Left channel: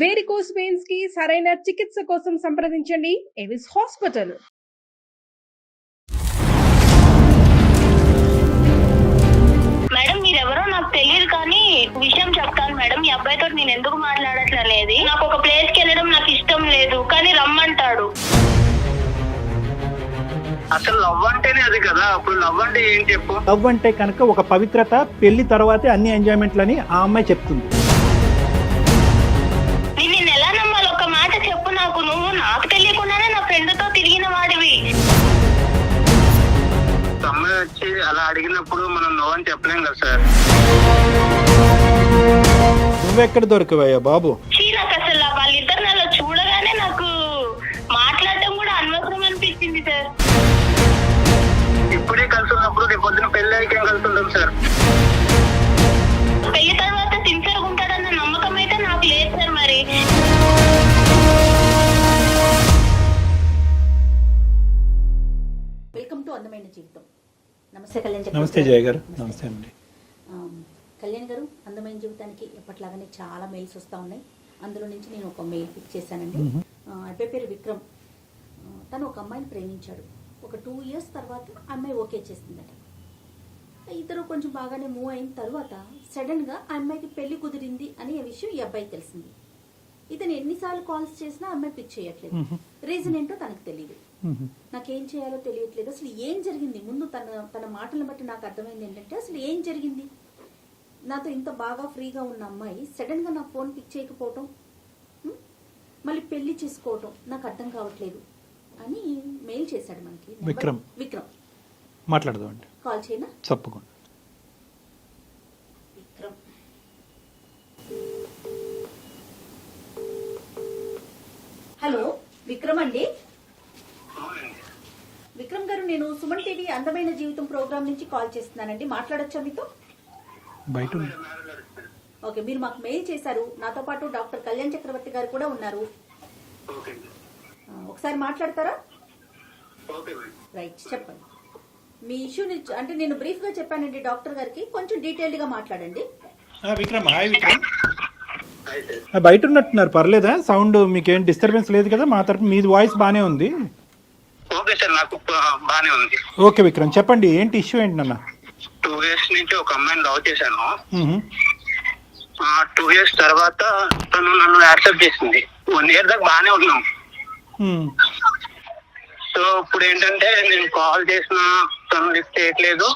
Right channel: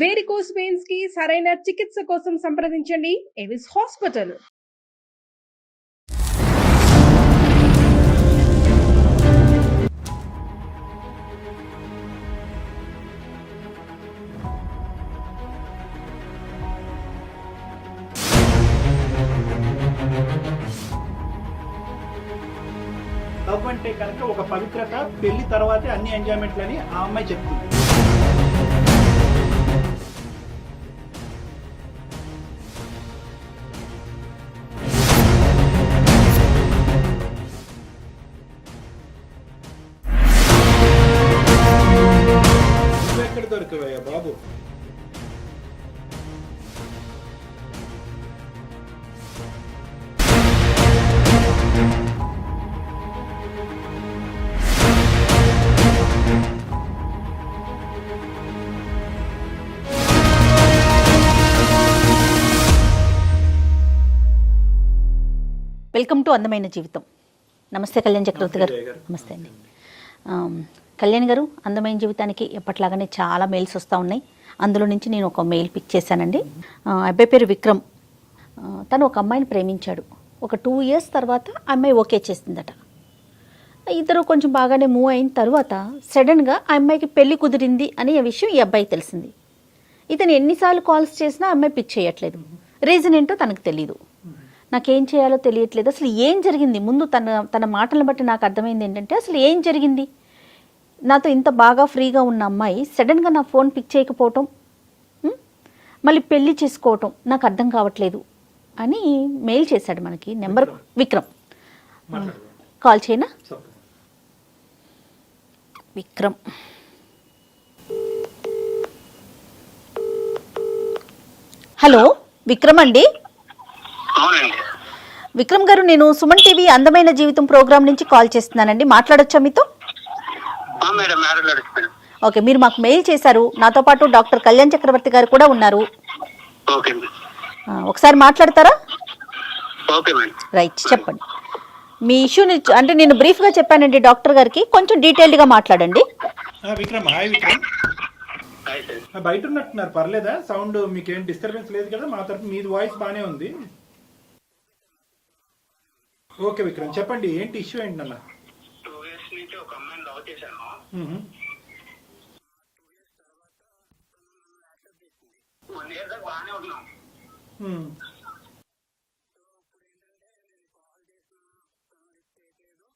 Varicose veins కి సరైన చికిత్స కోసం సంప్రదించండి ఎవిస్ హాస్పిటల్. మేడం మీరెవరో నాకు తెలియదు కానీ విషయం చెప్తాను మేడం. ఈ అబ్బాయితో నేను ఎందుకు మాట్లాడట్లేదు, నాకు ఒక ప్లేస్ కి వెళ్ళడం నాకు ఇష్టం లేదు కానీ రమ్మంటాడు. అసలు లవ్ అంటేనే అది కదా. అప్పుడు లవ్ అంటే ఏం చెప్పు? లవ్ అంటే కనుక ఒక పవిత్రత, పెళ్లి తర్వాతే అన్ని ఎంజాయ్మెంట్లని ఆ అమ్మాయి చెప్తుంది. నేను ఎలా నమ్మాలి? ఒక మాట చెప్పు నాకు. నువ్వు నాకు తెలియకుండానే నా ఫ్రెండ్ తో తిరిగిన వాడివి. అమ్మాయి వచ్చి అలా అడిగినప్పుడు మనం నో అని చెప్పలేం కదా సార్. నువ్వెక్కడ దొరకవయ్యా బాబు? నాకు అసలు వాళ్ళిద్దరు నాలో చూడగానే నాకు మాట్లాడటం కూడా అనవసరం అనిపించింది సార్. ఇప్పుడే కలిసి ఉన్నప్పుడు రేపు పొద్దున పెళ్లి అయ్యాక కలిసి ఉంటాం సార్. పెళ్లి తర్వాత సిన్సియర్ ఉంటాడన్న నమ్మకం అయితే నాకు లేదు సార్. మరి వెల్కమ్ టు అందమైన జీవితం. నమస్తే కళ్యాణ్ చక్రవర్తి నమస్తే జయ గారు. గారు. నమస్తే. నమస్తే అండి. కళ్యాణ్ గారు, అందమైన జీవితానికి ఎప్పట్లాగానే చాలా మెయిల్స్ వస్తూ ఉన్నాయి. అందులో నుంచి నేను ఒక మెయిల్ పిక్ చేశానండి. అబ్బాయి పేరు విక్రమ్. తను ఒక అమ్మాయిని ప్రేమించాడు. ఒక 2 years తర్వాత అమ్మాయి ఓకే చేసిందట. ఇద్దరు కొంచెం బాగానే మూవ్ అయిన తర్వాత సడన్గా ఆ అమ్మాయికి పెళ్లి కుదిరింది అని ఆ విషయం ఈ అబ్బాయికి తెలిసింది. ఇతను ఎన్నిసార్లు కాల్స్ చేసినా అమ్మాయి పిక్ చేయట్లేదు. రీజన్ ఏంటో తనకు తెలియదు. నాకేం చేయాలో తెలియట్లేదు. అసలు ఏం జరిగింది? ముందు తన మాటలను బట్టి నాకు అర్థమైంది ఏంటంటే, అసలు ఏం జరిగింది? నాతో ఇంత బాగా ఫ్రీగా ఉన్న అమ్మాయి సడన్గా నా ఫోన్ పిక్ చేయకపోవటం, మళ్ళీ పెళ్లి చేసుకోవటం నాకు అర్థం కావట్లేదు అని మెయిల్ చేశాడు మనకి. నెంబర్ విక్రమ్. మాట్లాడదామండి. కాల్ చేయనా? తప్పకుండా. విక్రమ్. హలో విక్రమ్ అండి. అవునండి. విక్రమ్ గారు, నేను సుమన్ టీవీ అందమైన జీవితం ప్రోగ్రామ్ నుంచి కాల్ చేస్తున్నానండి. మాట్లాడొచ్చా మీతో? మేడం మాట్లాడుతున్నాను. ఓకే, మీరు మాకు మెయిల్ చేశారు. నాతో పాటు డాక్టర్ కళ్యాణ్ చక్రవర్తి గారు కూడా ఉన్నారు. ఓకే ఒకసారి మాట్లాడతారా? Okay madam. రైట్, చెప్పండి మీ ఇష్యూని. అంటే నేను బ్రీఫ్గా చెప్పానండి డాక్టర్ గారికి, కొంచెం డీటెయిల్డ్గా మాట్లాడండి. విక్రమ్, హాయ్ విక్రమ్. బయట ఉన్నట్టున్నారు, పర్లేదా? సౌండ్ మీకేం డిస్టర్బెన్స్ లేదు కదా? మా తరపు మీ వాయిస్ బాగానే ఉంది. ఓకే సార్, నాకు బానే ఉంది. ఓకే విక్రమ్, చెప్పండి ఏంటి ఇష్యూ ఏంటి నాన్న? 2 years నుంచి ఒక అమ్మాయిని లవ్ చేశాను. 2 years తర్వాత తను నన్ను యాక్సెప్ట్ చేసింది. 1 year దాకా బానే ఉన్నాం. సో ఇప్పుడు ఏంటంటే నేను కాల్ చేసిన తను లిఫ్ట్ చేయట్లేదు.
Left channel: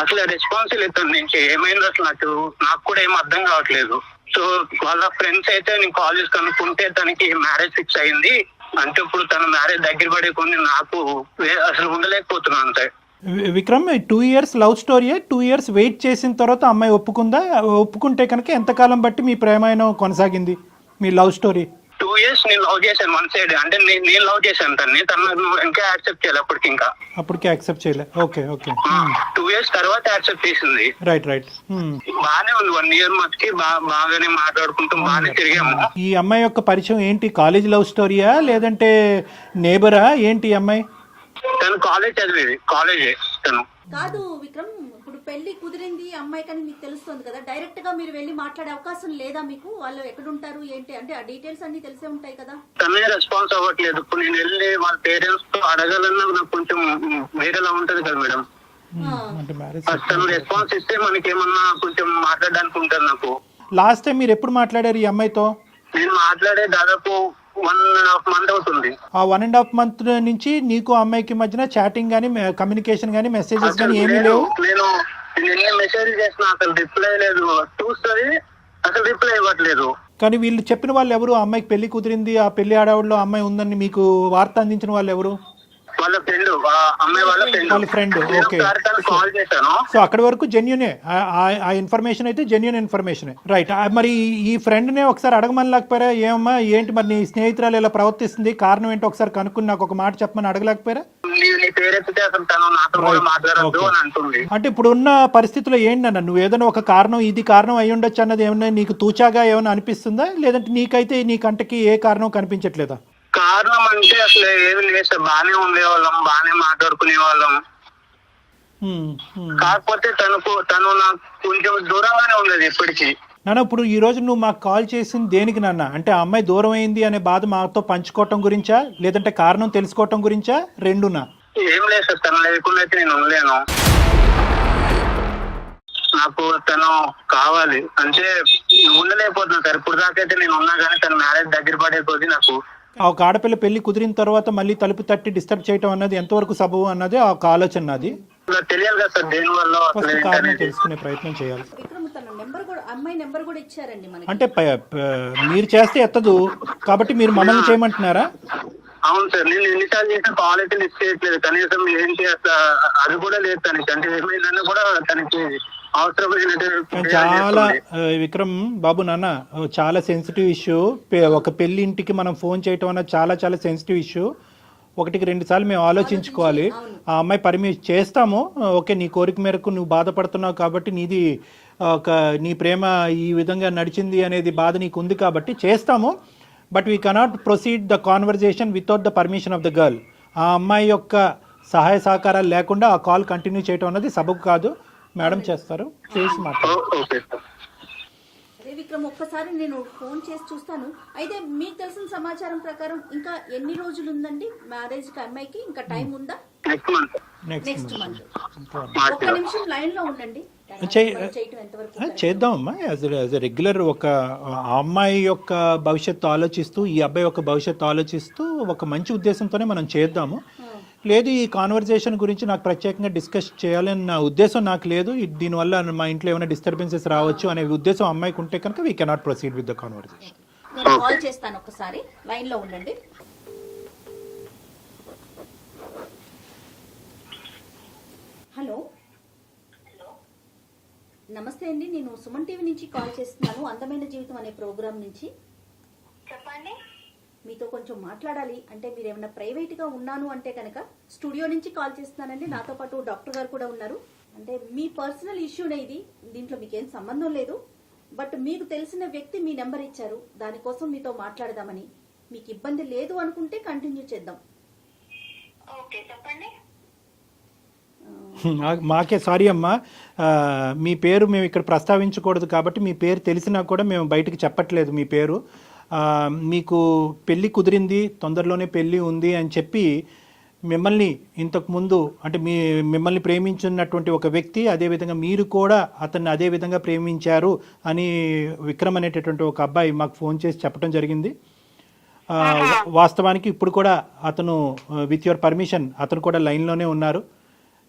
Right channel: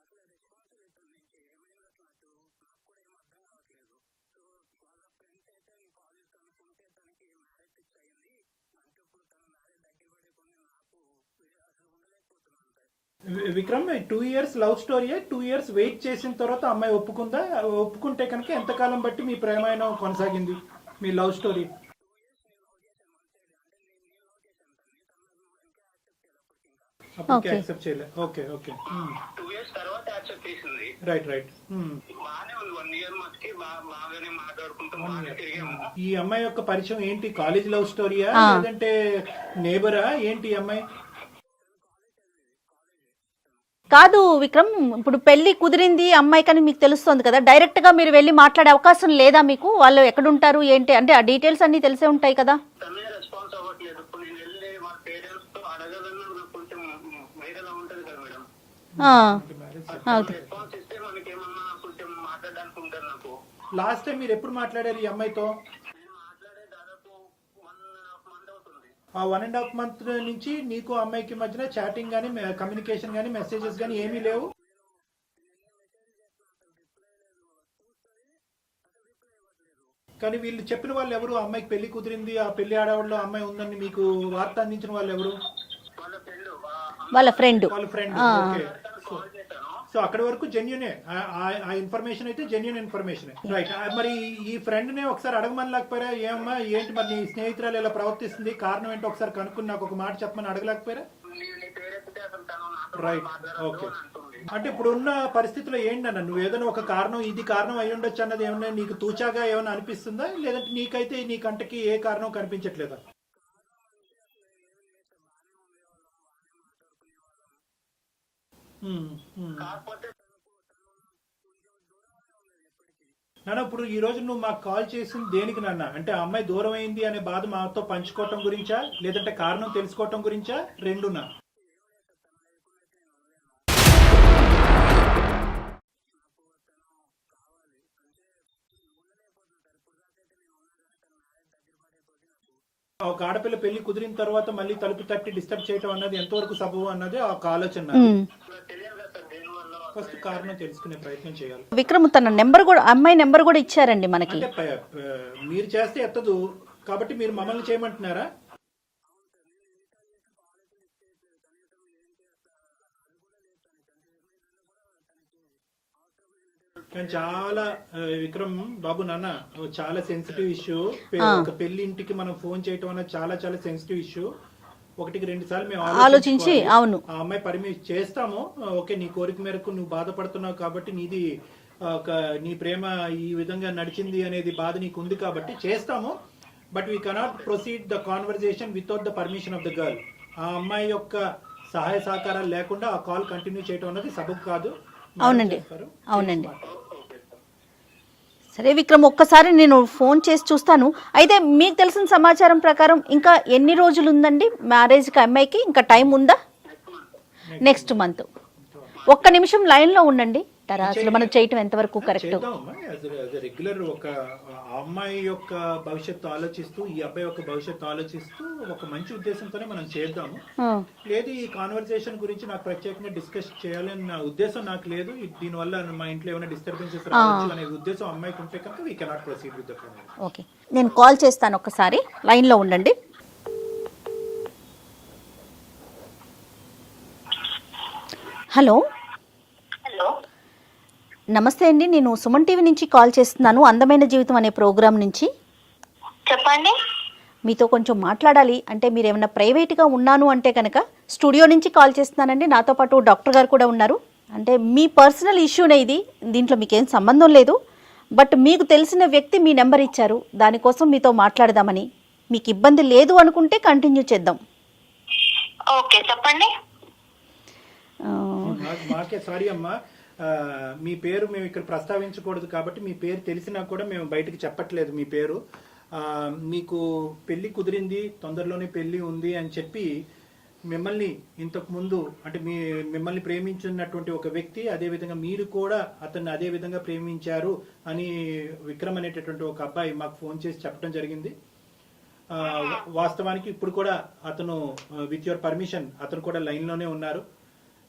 అసలు రెస్పాన్స్ లేదు తన నుంచి. ఏమైంది అసలు నాకు కూడా ఏం అర్థం కావట్లేదు. సో వాళ్ళ ఫ్రెండ్స్ అయితే నేను కాల్ చేసి కనుక్కుంటే తనకి మ్యారేజ్ ఫిక్స్ అయింది. అంటే ఇప్పుడు తన మ్యారేజ్ దగ్గర పడే కొన్ని నాకు అసలు ఉండలేకపోతున్నాను అంతే. విక్రమ్, 2 years లవ్ స్టోరీయే. 2 years వెయిట్ చేసిన తర్వాత అమ్మాయి ఒప్పుకుందా? ఒప్పుకుంటే కనుక ఎంతకాలం బట్టి మీ ప్రేమాయణం కొనసాగింది, మీ లవ్ స్టోరీ? 2 years నేను లవ్ చేశాను వన్ సైడ్. అంటే నేను లవ్ చేశాను తను ఇంకా యాక్సెప్ట్ చేయాలి. అప్పటికి అప్పటికి యాక్సెప్ట్ చేయలే. Okay okay. 2 years తర్వాత యాక్సెప్ట్ చేసింది. Right right. బానే ఉంది. 1 year మటుకి బాగానే మాట్లాడుకుంటాం, బాగానే తిరిగాము. ఈ అమ్మాయి యొక్క పరిచయం ఏంటి? కాలేజ్ లవ్ స్టోరీయా లేదంటే నేబరా ఏంటి? ఈ అమ్మాయి తను కాలేజ్ చదివేది, కాలేజే తను. కాదు విక్రమ్, ఇప్పుడు పెళ్లి కుదిరింది అమ్మాయి కానీ మీకు తెలుస్తుంది కదా, డైరెక్ట్ గా మీరు వెళ్ళి మాట్లాడే అవకాశం లేదా మీకు? వాళ్ళు ఎక్కడుంటారు ఏంటి అంటే ఆ డీటెయిల్స్ అన్ని తెలిసే ఉంటాయి కదా. తనే రెస్పాన్స్ అవ్వట్లేదు. ఇప్పుడు నేను వెళ్ళి వాళ్ళ పేరెంట్స్ తో అడగాలన్నా నాకు కొంచెం వేరేలా ఉంటది కదా మేడం. తను రెస్పాన్స్ ఇస్తే మనకి ఏమన్నా కొంచెం మాట్లాడడానికి ఉంటుంది నాకు. లాస్ట్ టైం మీరు ఎప్పుడు మాట్లాడారు ఈ అమ్మాయితో? నేను మాట్లాడే దాదాపు 1.5 month అవుతుంది. ఆ 1.5 month నుంచి నీకు అమ్మాయికి మధ్యన చాటింగ్ గానీ, కమ్యూనికేషన్ గానీ, మెసేజెస్ గానీ ఏమీ లేవు? నేను ఎన్ని మెసేజ్ చేసినా అసలు రిప్లై లేదు. చూస్తుంది అసలు రిప్లై ఇవ్వట్లేదు. కానీ వీళ్ళు చెప్పిన వాళ్ళు ఎవరు? అమ్మాయికి పెళ్లి కుదిరింది, ఆ పెళ్లి ఆడవాళ్ళు అమ్మాయి ఉందని మీకు వార్త అందించిన వాళ్ళు ఎవరు? వాళ్ళ ఫ్రెండ్. వాళ్ళ ఫ్రెండ్. ఓకే. కాల్ చేశాను. సో అక్కడి వరకు జెన్యునే, ఆ ఇన్ఫర్మేషన్ అయితే జెన్యున్ ఇన్ఫర్మేషన్. రైట్. మరి ఈ ఫ్రెండ్ నే ఒకసారి అడగమని లేకపోయారా? ఏమమ్మా ఏంటి మరి నీ స్నేహితురాలు ఇలా ప్రవర్తిస్తుంది, కారణం ఏంటో ఒకసారి కనుక్కుని నాకు ఒక మాట చెప్పమని అడగలేకపోయారా? అంటే ఇప్పుడు ఉన్న పరిస్థితుల్లో ఏంటన్నా, నువ్వు ఏదైనా ఒక కారణం, ఇది కారణం అయి ఉండొచ్చు అన్నది ఏమన్నా నీకు తూచాగా ఏమైనా అనిపిస్తుందా? లేదంటే నీకైతే నీ కంటకి ఏ కారణం కనిపించట్లేదా? కారణం అంటే అసలు ఏమి లేదు సార్. బానే ఉండేవాళ్ళం, బానే మాట్లాడుకునే వాళ్ళం. కాకపోతే తను నాకు కొంచెం దూరంగానే ఉండేది ఎప్పటికీ. నాన్న ఇప్పుడు ఈ రోజు నువ్వు మాకు కాల్ చేసింది దేనికి నాన్న? అంటే ఆ అమ్మాయి దూరం అయింది అనే బాధ మాతో పంచుకోవటం గురించా, లేదంటే కారణం తెలుసుకోవటం గురించా, రెండునా? ఏం లేదు సార్, తను లేకుండా అయితే నేను ఉండలేను. నాకు తను కావాలి అంటే ఉండలేకపోతున్నా సార్. ఇప్పుడు దాకైతే నేను ఉన్నా కానీ తన మ్యారేజ్ దగ్గర పడే కొద్ది నాకు ఒక ఆడపిల్ల పెళ్లి కుదిరిన తర్వాత మళ్ళీ తలుపు తట్టి డిస్టర్బ్ చేయటం అన్నది ఎంతవరకు సబబు అన్నది ఒక ఆలోచన నాది. నాకు తెలియాలి కదా సార్ దేని వల్ల అసలు ఫస్ట్ కారణం ఏంటనేది. తెలుసుకునే ప్రయత్నం చేయాలి. విక్రమ్ తన నెంబర్ కూడా, అమ్మాయి నెంబర్ కూడా ఇచ్చారండి మనకి. అంటే మీరు చేస్తే ఎత్తదు కాబట్టి మీరు మమ్మల్ని చేయమంటున్నారా? అవును సార్, నేను ఎన్నిసార్లు చేసిన కాల్ అయితే లిస్ట్ చేయట్లేదు. కనీసం ఏంటి అసలు అది కూడా లేదు తనకి. అంటే ఏమైందన్నా కూడా తనకి అవసరమైనట్టు చాలా విక్రమ్ బాబు నాన్న చాలా సెన్సిటివ్ ఇష్యూ. ఒక పెళ్లి ఇంటికి మనం ఫోన్ చేయటం అన్నది చాలా చాలా సెన్సిటివ్ ఇష్యూ. ఒకటికి 2 సార్లు మేము ఆలోచించుకోవాలి. అవును. ఆ అమ్మాయి పర్మిషన్ చేస్తాము, ఓకే నీ కోరిక మేరకు నువ్వు బాధపడుతున్నావు కాబట్టి నీది నీ ప్రేమ ఈ విధంగా నడిచింది అనేది బాధ నీకు ఉంది కాబట్టి చేస్తాము. But we cannot proceed the conversation without the permission of the girl. ఆ అమ్మాయి యొక్క సహాయ సహకారాలు లేకుండా ఆ కాల్ కంటిన్యూ చేయటం అన్నది సబబు కాదు. మేడం చేస్తారు. Okay sir. సరే విక్రమ్, ఒక్కసారి నేను ఫోన్ చేసి చూస్తాను. అయితే మీకు తెలిసిన సమాచారం ప్రకారం ఇంకా ఎన్ని రోజులు ఉందండి మ్యారేజ్కి అమ్మాయికి? ఇంకా టైం ఉందా? Next month. ఒక్క నిమిషం లైన్ లో ఉండండి. మనం చేయటం ఎంతవరకు కరెక్ట్? చేద్దామమ్మా. యాజ్ రెగ్యులర్ ఒక ఆ అమ్మాయి యొక్క భవిష్యత్తు ఆలోచిస్తూ ఈ అబ్బాయి యొక్క భవిష్యత్తు ఆలోచిస్తూ ఒక మంచి ఉద్దేశంతోనే మనం చేద్దాము. లేదు ఈ కాన్వర్జేషన్ గురించి నాకు ప్రత్యేకంగా డిస్కస్ చేయాలని నా ఉద్దేశం నాకు లేదు. దీనివల్ల మా ఇంట్లో ఏమైనా డిస్టర్బెన్సెస్ రావచ్చు అనే ఉద్దేశం అమ్మాయికి ఉంటే కనుక we cannot proceed with the conversation. Okay, నేను కాల్ చేస్తాను. ఒక్కసారి లైన్ లో ఉండండి. హలో. హలో, నమస్తే అండి, నేను సుమన్ టీవీ నుంచి కాల్ చేస్తున్నాను, అందమైన జీవితం అనే ప్రోగ్రామ్ నుంచి. చెప్పండి. మీతో కొంచెం మాట్లాడాలి. అంటే మీరు ఏమైనా ప్రైవేట్గా ఉన్నాను అంటే కనుక స్టూడియో నుంచి కాల్ చేస్తున్నానండి. నాతో పాటు డాక్టర్ గారు కూడా ఉన్నారు. అంటే మీ పర్సనల్ ఇష్యూనే ఇది, దీంట్లో మీకేం సంబంధం లేదు. బట్ మీకు తెలిసిన వ్యక్తి మీ నెంబర్ ఇచ్చారు, దానికోసం మీతో మాట్లాడదామని. మీకు ఇబ్బంది లేదు అనుకుంటే కంటిన్యూ చేద్దాం. ఓకే, చెప్పండి. మాకే సారీ అమ్మా, మీ పేరు మేము ఇక్కడ ప్రస్తావించకూడదు కాబట్టి మీ పేరు తెలిసినా కూడా మేము బయటకు చెప్పట్లేదు మీ పేరు. మీకు పెళ్ళి కుదిరింది, తొందరలోనే పెళ్ళి ఉంది అని చెప్పి మిమ్మల్ని ఇంతకుముందు అంటే మిమ్మల్ని ప్రేమించున్నటువంటి ఒక వ్యక్తి, అదేవిధంగా మీరు కూడా అతన్ని అదే విధంగా ప్రేమించారు అని విక్రమ్ అనేటటువంటి ఒక అబ్బాయి మాకు ఫోన్ చేసి చెప్పడం జరిగింది. వాస్తవానికి ఇప్పుడు కూడా అతను విత్ యువర్ పర్మిషన్ అతను కూడా లైన్లోనే ఉన్నారు.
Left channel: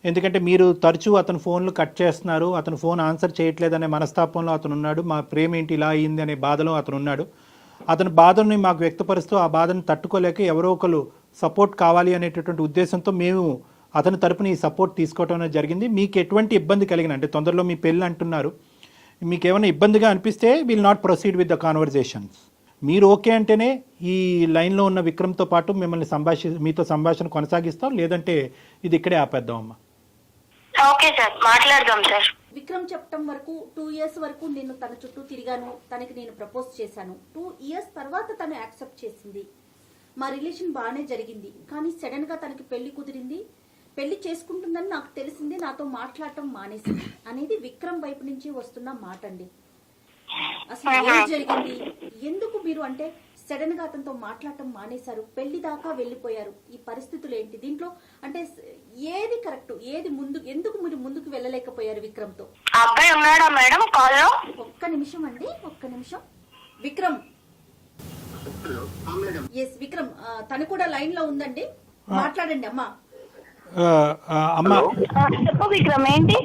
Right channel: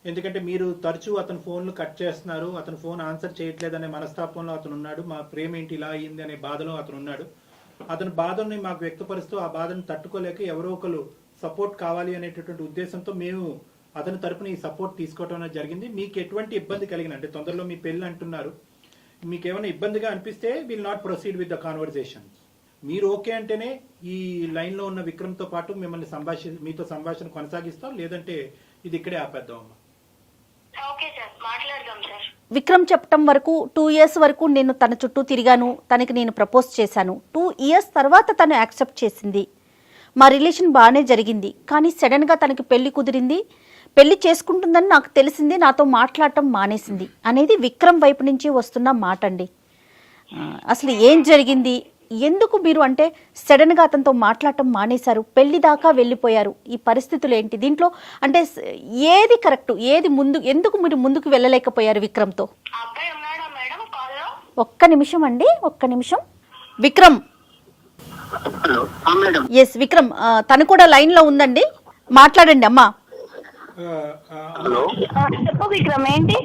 ఎందుకంటే మీరు తరచూ అతను ఫోన్లు కట్ చేస్తున్నారు, అతను ఫోన్ ఆన్సర్ చేయట్లేదనే మనస్తాపంలో అతను ఉన్నాడు. మా ప్రేమ ఏంటి ఇలా అయింది అనే బాధలో అతను ఉన్నాడు. అతని బాధని మాకు వ్యక్తపరుస్తూ ఆ బాధను తట్టుకోలేక ఎవరో ఒకరు సపోర్ట్ కావాలి అనేటటువంటి ఉద్దేశంతో మేము అతని తరపున ఈ సపోర్ట్ తీసుకోవడం అనేది జరిగింది. మీకు ఎటువంటి ఇబ్బంది కలిగిన అంటే తొందరలో మీ పెళ్ళి అంటున్నారు, మీకు ఏమైనా ఇబ్బందిగా అనిపిస్తే will not proceed with the conversations. మీరు ఓకే అంటేనే ఈ లైన్లో ఉన్న విక్రమ్తో పాటు మిమ్మల్ని మీతో సంభాషణ కొనసాగిస్తాం, లేదంటే ఇది ఇక్కడే ఆపేద్దాం అమ్మా. ఓకే సార్, మాట్లాడదాం సార్. విక్రమ్ చెప్పటం వరకు 2 years వరకు నేను తన చుట్టూ తిరిగాను, తనకి నేను ప్రపోజ్ చేశాను. 2 years తర్వాత తను యాక్సెప్ట్ చేసింది, మా రిలేషన్ బాగానే జరిగింది. కానీ సడన్గా తనకి పెళ్లి కుదిరింది, పెళ్లి చేసుకుంటుందని నాకు తెలిసింది, నాతో మాట్లాడటం మానేసింది అనేది విక్రమ్ వైపు నుంచి వస్తున్న మాట అండి. అసలు ఏం జరిగింది, ఎందుకు మీరు అంటే సడన్గా అతనితో మాట్లాడటం మానేశారు, పెళ్లి దాకా వెళ్ళిపోయారు, ఈ పరిస్థితులు ఏంటి? దీంట్లో అంటే ఏది కరెక్ట్, ఏది ముందు, ఎందుకు మీరు ముందుకు వెళ్ళలేకపోయారు విక్రమ్తో? అబ్బాయి ఉన్నాడా మేడం కాల్లో? ఒక్క నిమిషం అండి, ఒక్క నిమిషం. విక్రమ్. ఎస్ విక్రమ్, తను కూడా లైన్ లో ఉందండి, మాట్లాడండి అమ్మా. చెప్పు విక్రమ్, ఏంటి?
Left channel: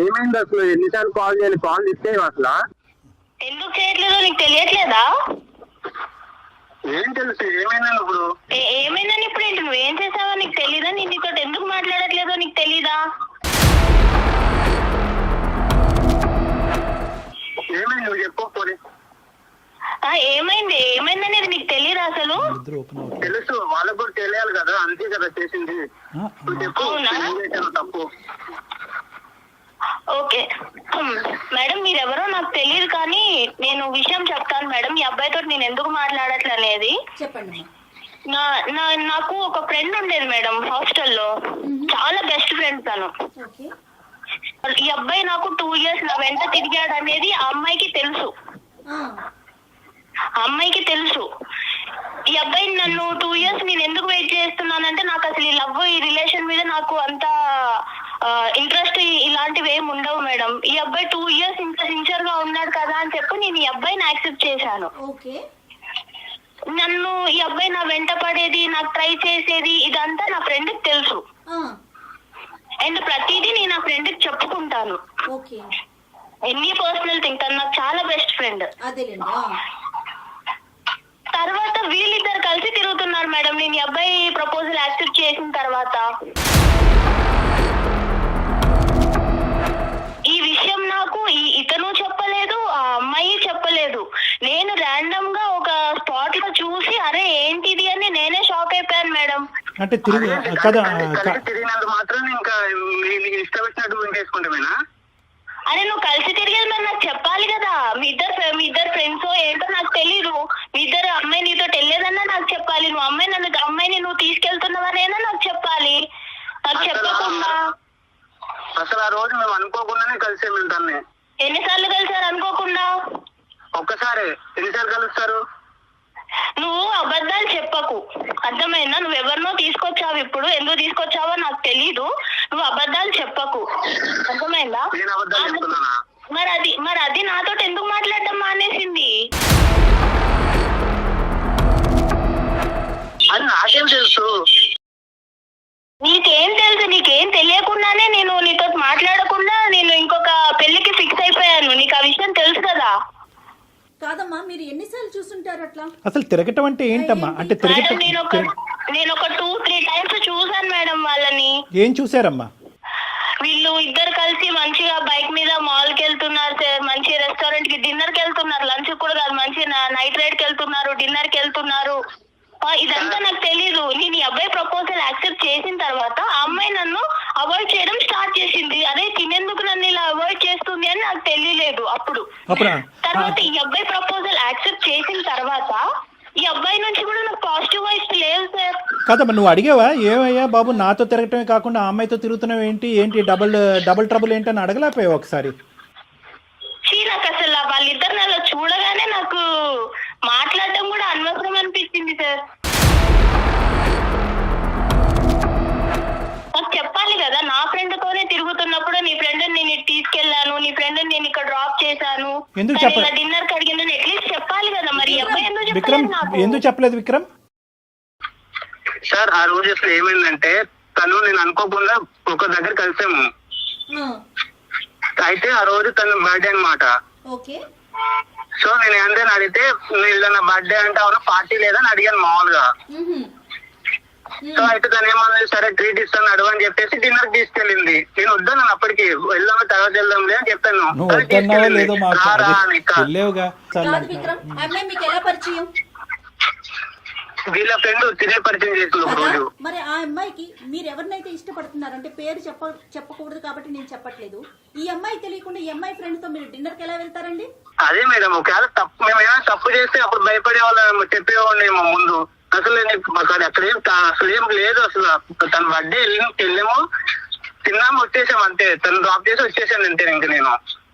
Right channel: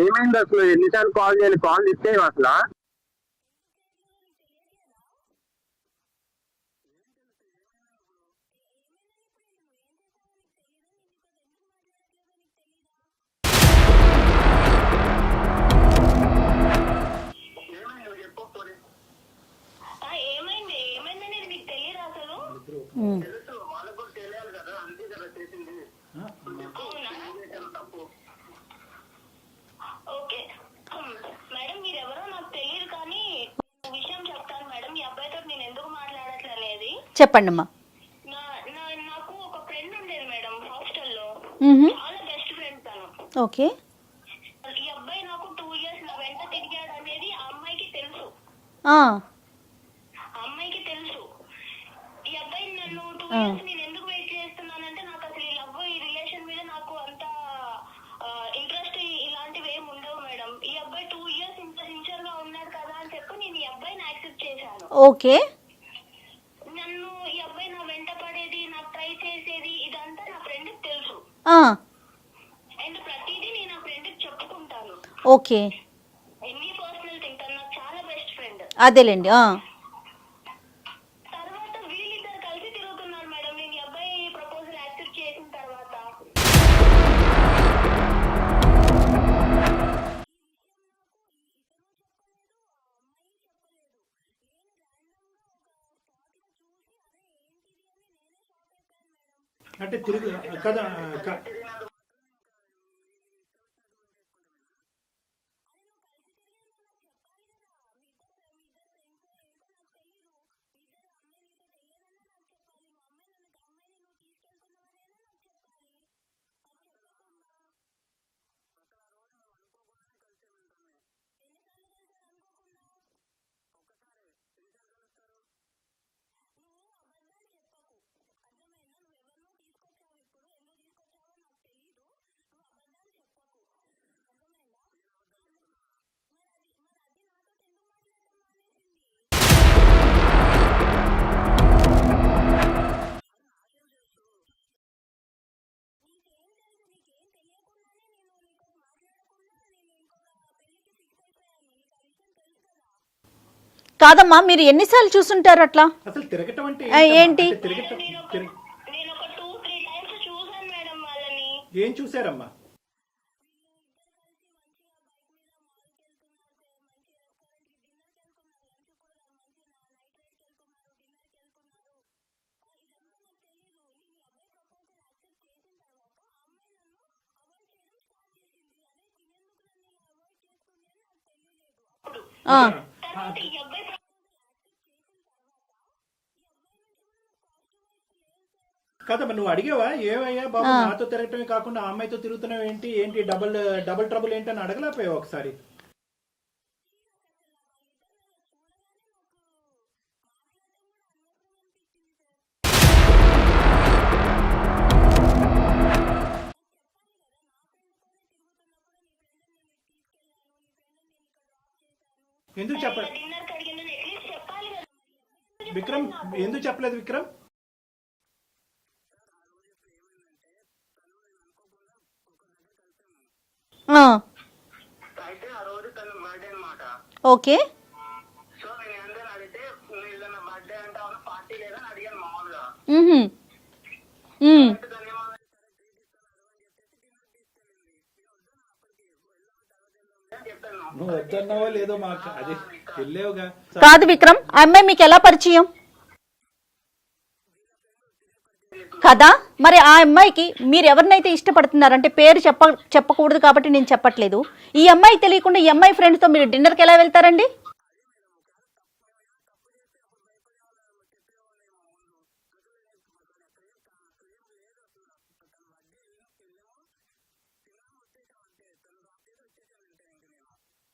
ఏమైంది అసలు? ఎన్నిసార్లు కాల్ చేయాలి? కాల్ ఇస్తే అసలు ఎందుకు చేయట్లేదో నీకు తెలియట్లేదా? ఏం తెలుసు ఏమైందని ఇప్పుడు? ఏమైందని ఇప్పుడు ఏంటి? నువ్వేం చేసావో నీకు తెలీదా? నేను నీతో ఎందుకు మాట్లాడట్లేదో నీకు తెలీదా? ఏమైంది నువ్వు చెప్పు పోనీ. ఏమైంది ఏమైందనేది నీకు తెలియదా అసలు? తెలుసు, వాళ్ళకు కూడా తెలియాలి కదా, అంతే కదా చేసింది. నువ్వు చెప్పు, ఏం చేశాను తప్పు? ఓకే మేడం, మీరెవరో నాకు తెలియదు కానీ నేను విషయం చెప్తాను మేడం. ఈ అబ్బాయితో నేను ఎందుకు మాట్లాడట్లే అనేది చెప్పండి అమ్మా. నాకు ఒక ఫ్రెండ్ ఉండేది మేడం హాస్టల్లో, చాలా బెస్ట్ ఫ్రెండ్ తను. ఓకే. ఈ అబ్బాయి నాకు 2 years నా వెంట తిరిగాడు అనేది ఆ అమ్మాయికి తెలుసు. ఆ, ఆ అమ్మాయికి తెలుసు. ఈ అబ్బాయి నన్ను 2 years నేను ఎందుకు వెయిట్ చేస్తున్నానంటే నాకు అసలు ఈ లవ్ ఈ రిలేషన్ మీద నాకు అంత ఇంట్రెస్ట్ ఇలాంటివి ఏమి ఉండవు మేడం. ఈ అబ్బాయి 2 years ఇంత సిన్సియర్ గా ఉన్నాడు కదా అని చెప్పి నేను ఈ అబ్బాయిని యాక్సెప్ట్ చేశాను. ఓకే. నన్ను ఈ అబ్బాయి నా వెంట పడేది, నాకు ట్రై చేసేది ఇదంతా నా ఫ్రెండ్కి తెలుసు. ఆ, అండ్ ప్రతిదీ నేను నా ఫ్రెండ్కి చెప్పుకుంటాను. ఓకే. ఎన్ని పర్సనల్ థింగ్, తను నాకు చాలా బెస్ట్ ఫ్రెండ్. అదేలేండి. ఆ, తర్వాత వీళ్ళిద్దరు కలిసి తిరుగుతున్నారు మేడం నేను ఈ అబ్బాయి ప్రపోజల్ యాక్సెప్ట్ చేసిన తర్వాత. ఈ విషయం నాకు ఇతను చెప్పలేదు, ఆ అమ్మాయి చెప్పలేదు. నేను ర్యాండమ్ గా ఒక స్పాట్ లో చూసి అరే ఏంటిది అని నేనే షాక్ అయిపోయాను మేడం. అంటే తిరిగి కదా తిరిగినందుకు మాత్రం ఇంకా నీకు ఇష్టం వచ్చినట్టు చేసుకుంటామేనా? అరే నువ్వు కలిసి తిరిగేది మరి నాకు చెప్పాలి కదా. మీ ఇద్దరు ఫ్రెండ్స్ ఏంటో నాకు తెలీదు. మీ ఇద్దరు అమ్మాయి నీతో వెళ్ళేదన్నా నాకు చెప్పాలి. నువ్వు అమ్మాయిని నువ్వు తీసుకెళ్తున్నావనేనా నాకు చెప్పాలి. నాకు చెప్పకుండా అసలు ఆ రోజు మేము అనుకోకుండానే కలిసాము. తన్ని ఎన్నిసార్లు కలిసారు అనుకోకుండా? ఒక్కసారి. ఎన్నిసార్లు కలుస్తారు? నువ్వు అబద్ధాలు చెప్పకు, అర్థమైందా? నువ్వు ఎవరినో తీసుకొచ్చావు, ఇప్పుడు ఎందుకు తీసుకొచ్చావో నాకు తెలీదు. నువ్వు అబద్ధాలు చెప్పకు, అర్థమైందా? నేను అబద్ధాలు చెప్తున్నానా? మరి అది నాతో ఎందుకు మాట్లాడడం మానేసింది? అది నాకేం తెలుసు? నీకేం తెలుసు? నీకేం తెలియకుండానే నేను నీతో మాట్లాడకుండా నేను ఇంకొక పెళ్లికి ఫిక్స్ అయిపోయాను. నీకు ఆ విషయం తెలుసు కదా? కాదమ్మా, మీరు ఎన్నిసార్లు చూసుంటారు అట్లా? అసలు తిరగటం అంటే ఏంటి? ఏంటమ్మా? అంటే తిరగటం నేను ఒక 2-3 times చూసాను మేడం వాళ్ళని. ఏం చూసారమ్మా? వీళ్ళు ఇద్దరు కలిసి మంచిగా బైక్ మీద మాల్ కి వెళ్తున్నారు సార్, మంచి రెస్టారెంట్ కి డిన్నర్ కి వెళ్తున్నారు, లంచ్ కూడా కాదు, మంచి నైట్ రైడ్ కి వెళ్తున్నారు, డిన్నర్ కి వెళ్తున్నారు. ఇదంతా నాకు తెలీదు. నేను ఈ అబ్బాయి ప్రపోజల్ యాక్సెప్ట్ చేసిన తర్వాత ఆ అమ్మాయి నన్ను అవాయిడ్ చేయడం స్టార్ట్ చేసింది. అదే తినేందుకు నన్ను ఇలా అవాయిడ్ చేస్తుంది అని నాకు తెలియలేదు అప్పుడు. తర్వాత ఈ అబ్బాయి ప్రపోజల్ యాక్సెప్ట్ చేసిన తర్వాత ఈ అబ్బాయి నుంచి కూడా నాకు పాజిటివ్ వైబ్స్ లేవు సార్. కాదమ్మా, నువ్వు అడిగావా ఏమయ్యా బాబు నాతో తిరగటమే కాకుండా ఆ అమ్మాయితో తిరుగుతున్నావు ఏంటి డబుల్ ట్రబుల్ ఏంటి అని అడగలేకపోయావు ఒకసారి? నాకు అసలు వాళ్ళిద్దరు అలా చూడగానే నాకు మాట్లాడటం కూడా అనవసరం అనిపించింది సార్. నాకు చెప్పాలి కదా, నా ఫ్రెండ్ తోనే తిరుగుతున్నప్పుడు నీ ఫ్రెండ్ నేను తీసుకెళ్లాను, నీ ఫ్రెండ్ నేను ఇక్కడ డ్రాప్ చేశాను, డిన్నర్ కి అడిగిందని అట్లీస్ట్ చెప్పాలి కదా. మరి అబ్బాయి ఎందుకు చెప్పలేదు విక్రమ్? సార్ ఆ రోజు అసలు ఏమైందంటే తను నేను అనుకోకుండా ఒక దగ్గర కలిసాము. అయితే ఆ రోజు తన బర్త్డే అన్నమాట. ఓకే. సో నేను ఏంటని అడిగితే నా బర్త్డే అంటే అవును పార్టీ లేదని అడిగాను మామూలుగా. సో అయితే తను ఏమన్నా సరే ట్రీట్ ఇస్తాను అడుగు అని చెప్పేసి డిన్నర్ తీసుకెళ్ళింది. నేను వద్దాను అప్పటికి, వెళ్దాము తర్వాత వెళ్దాంలే అని చెప్పాను. కాదు విక్రమ్, ఆ అమ్మాయి మీకు ఎలా పరిచయం? వీళ్ళ ఫ్రెండ్ తినే పరిచయం చేసింది కదా. మరి ఆ అమ్మాయికి మీరు ఎవరినైతే ఇష్టపడుతున్నారు అంటే పేరు చెప్పకూడదు కాబట్టి నేను చెప్పట్లేదు. ఈ అమ్మాయి తెలియకుండా ఈ అమ్మాయి ఫ్రెండ్స్ తో మీరు డిన్నర్ కి ఎలా వెళ్తారండి? అదే మేడం, ఒకవేళ మేము ఏమైనా తప్పు చేస్తే అప్పుడు భయపడే వాళ్ళు చెప్పేవాళ్ళేమో ముందు. అసలు అక్కడ అసలు ఏం లేదు. అసలు తన బర్త్డే వెళ్ళాము, తిన్నాము, వచ్చేసాము అంతే. తను డ్రాప్ చేసి వచ్చేసాను అంతే.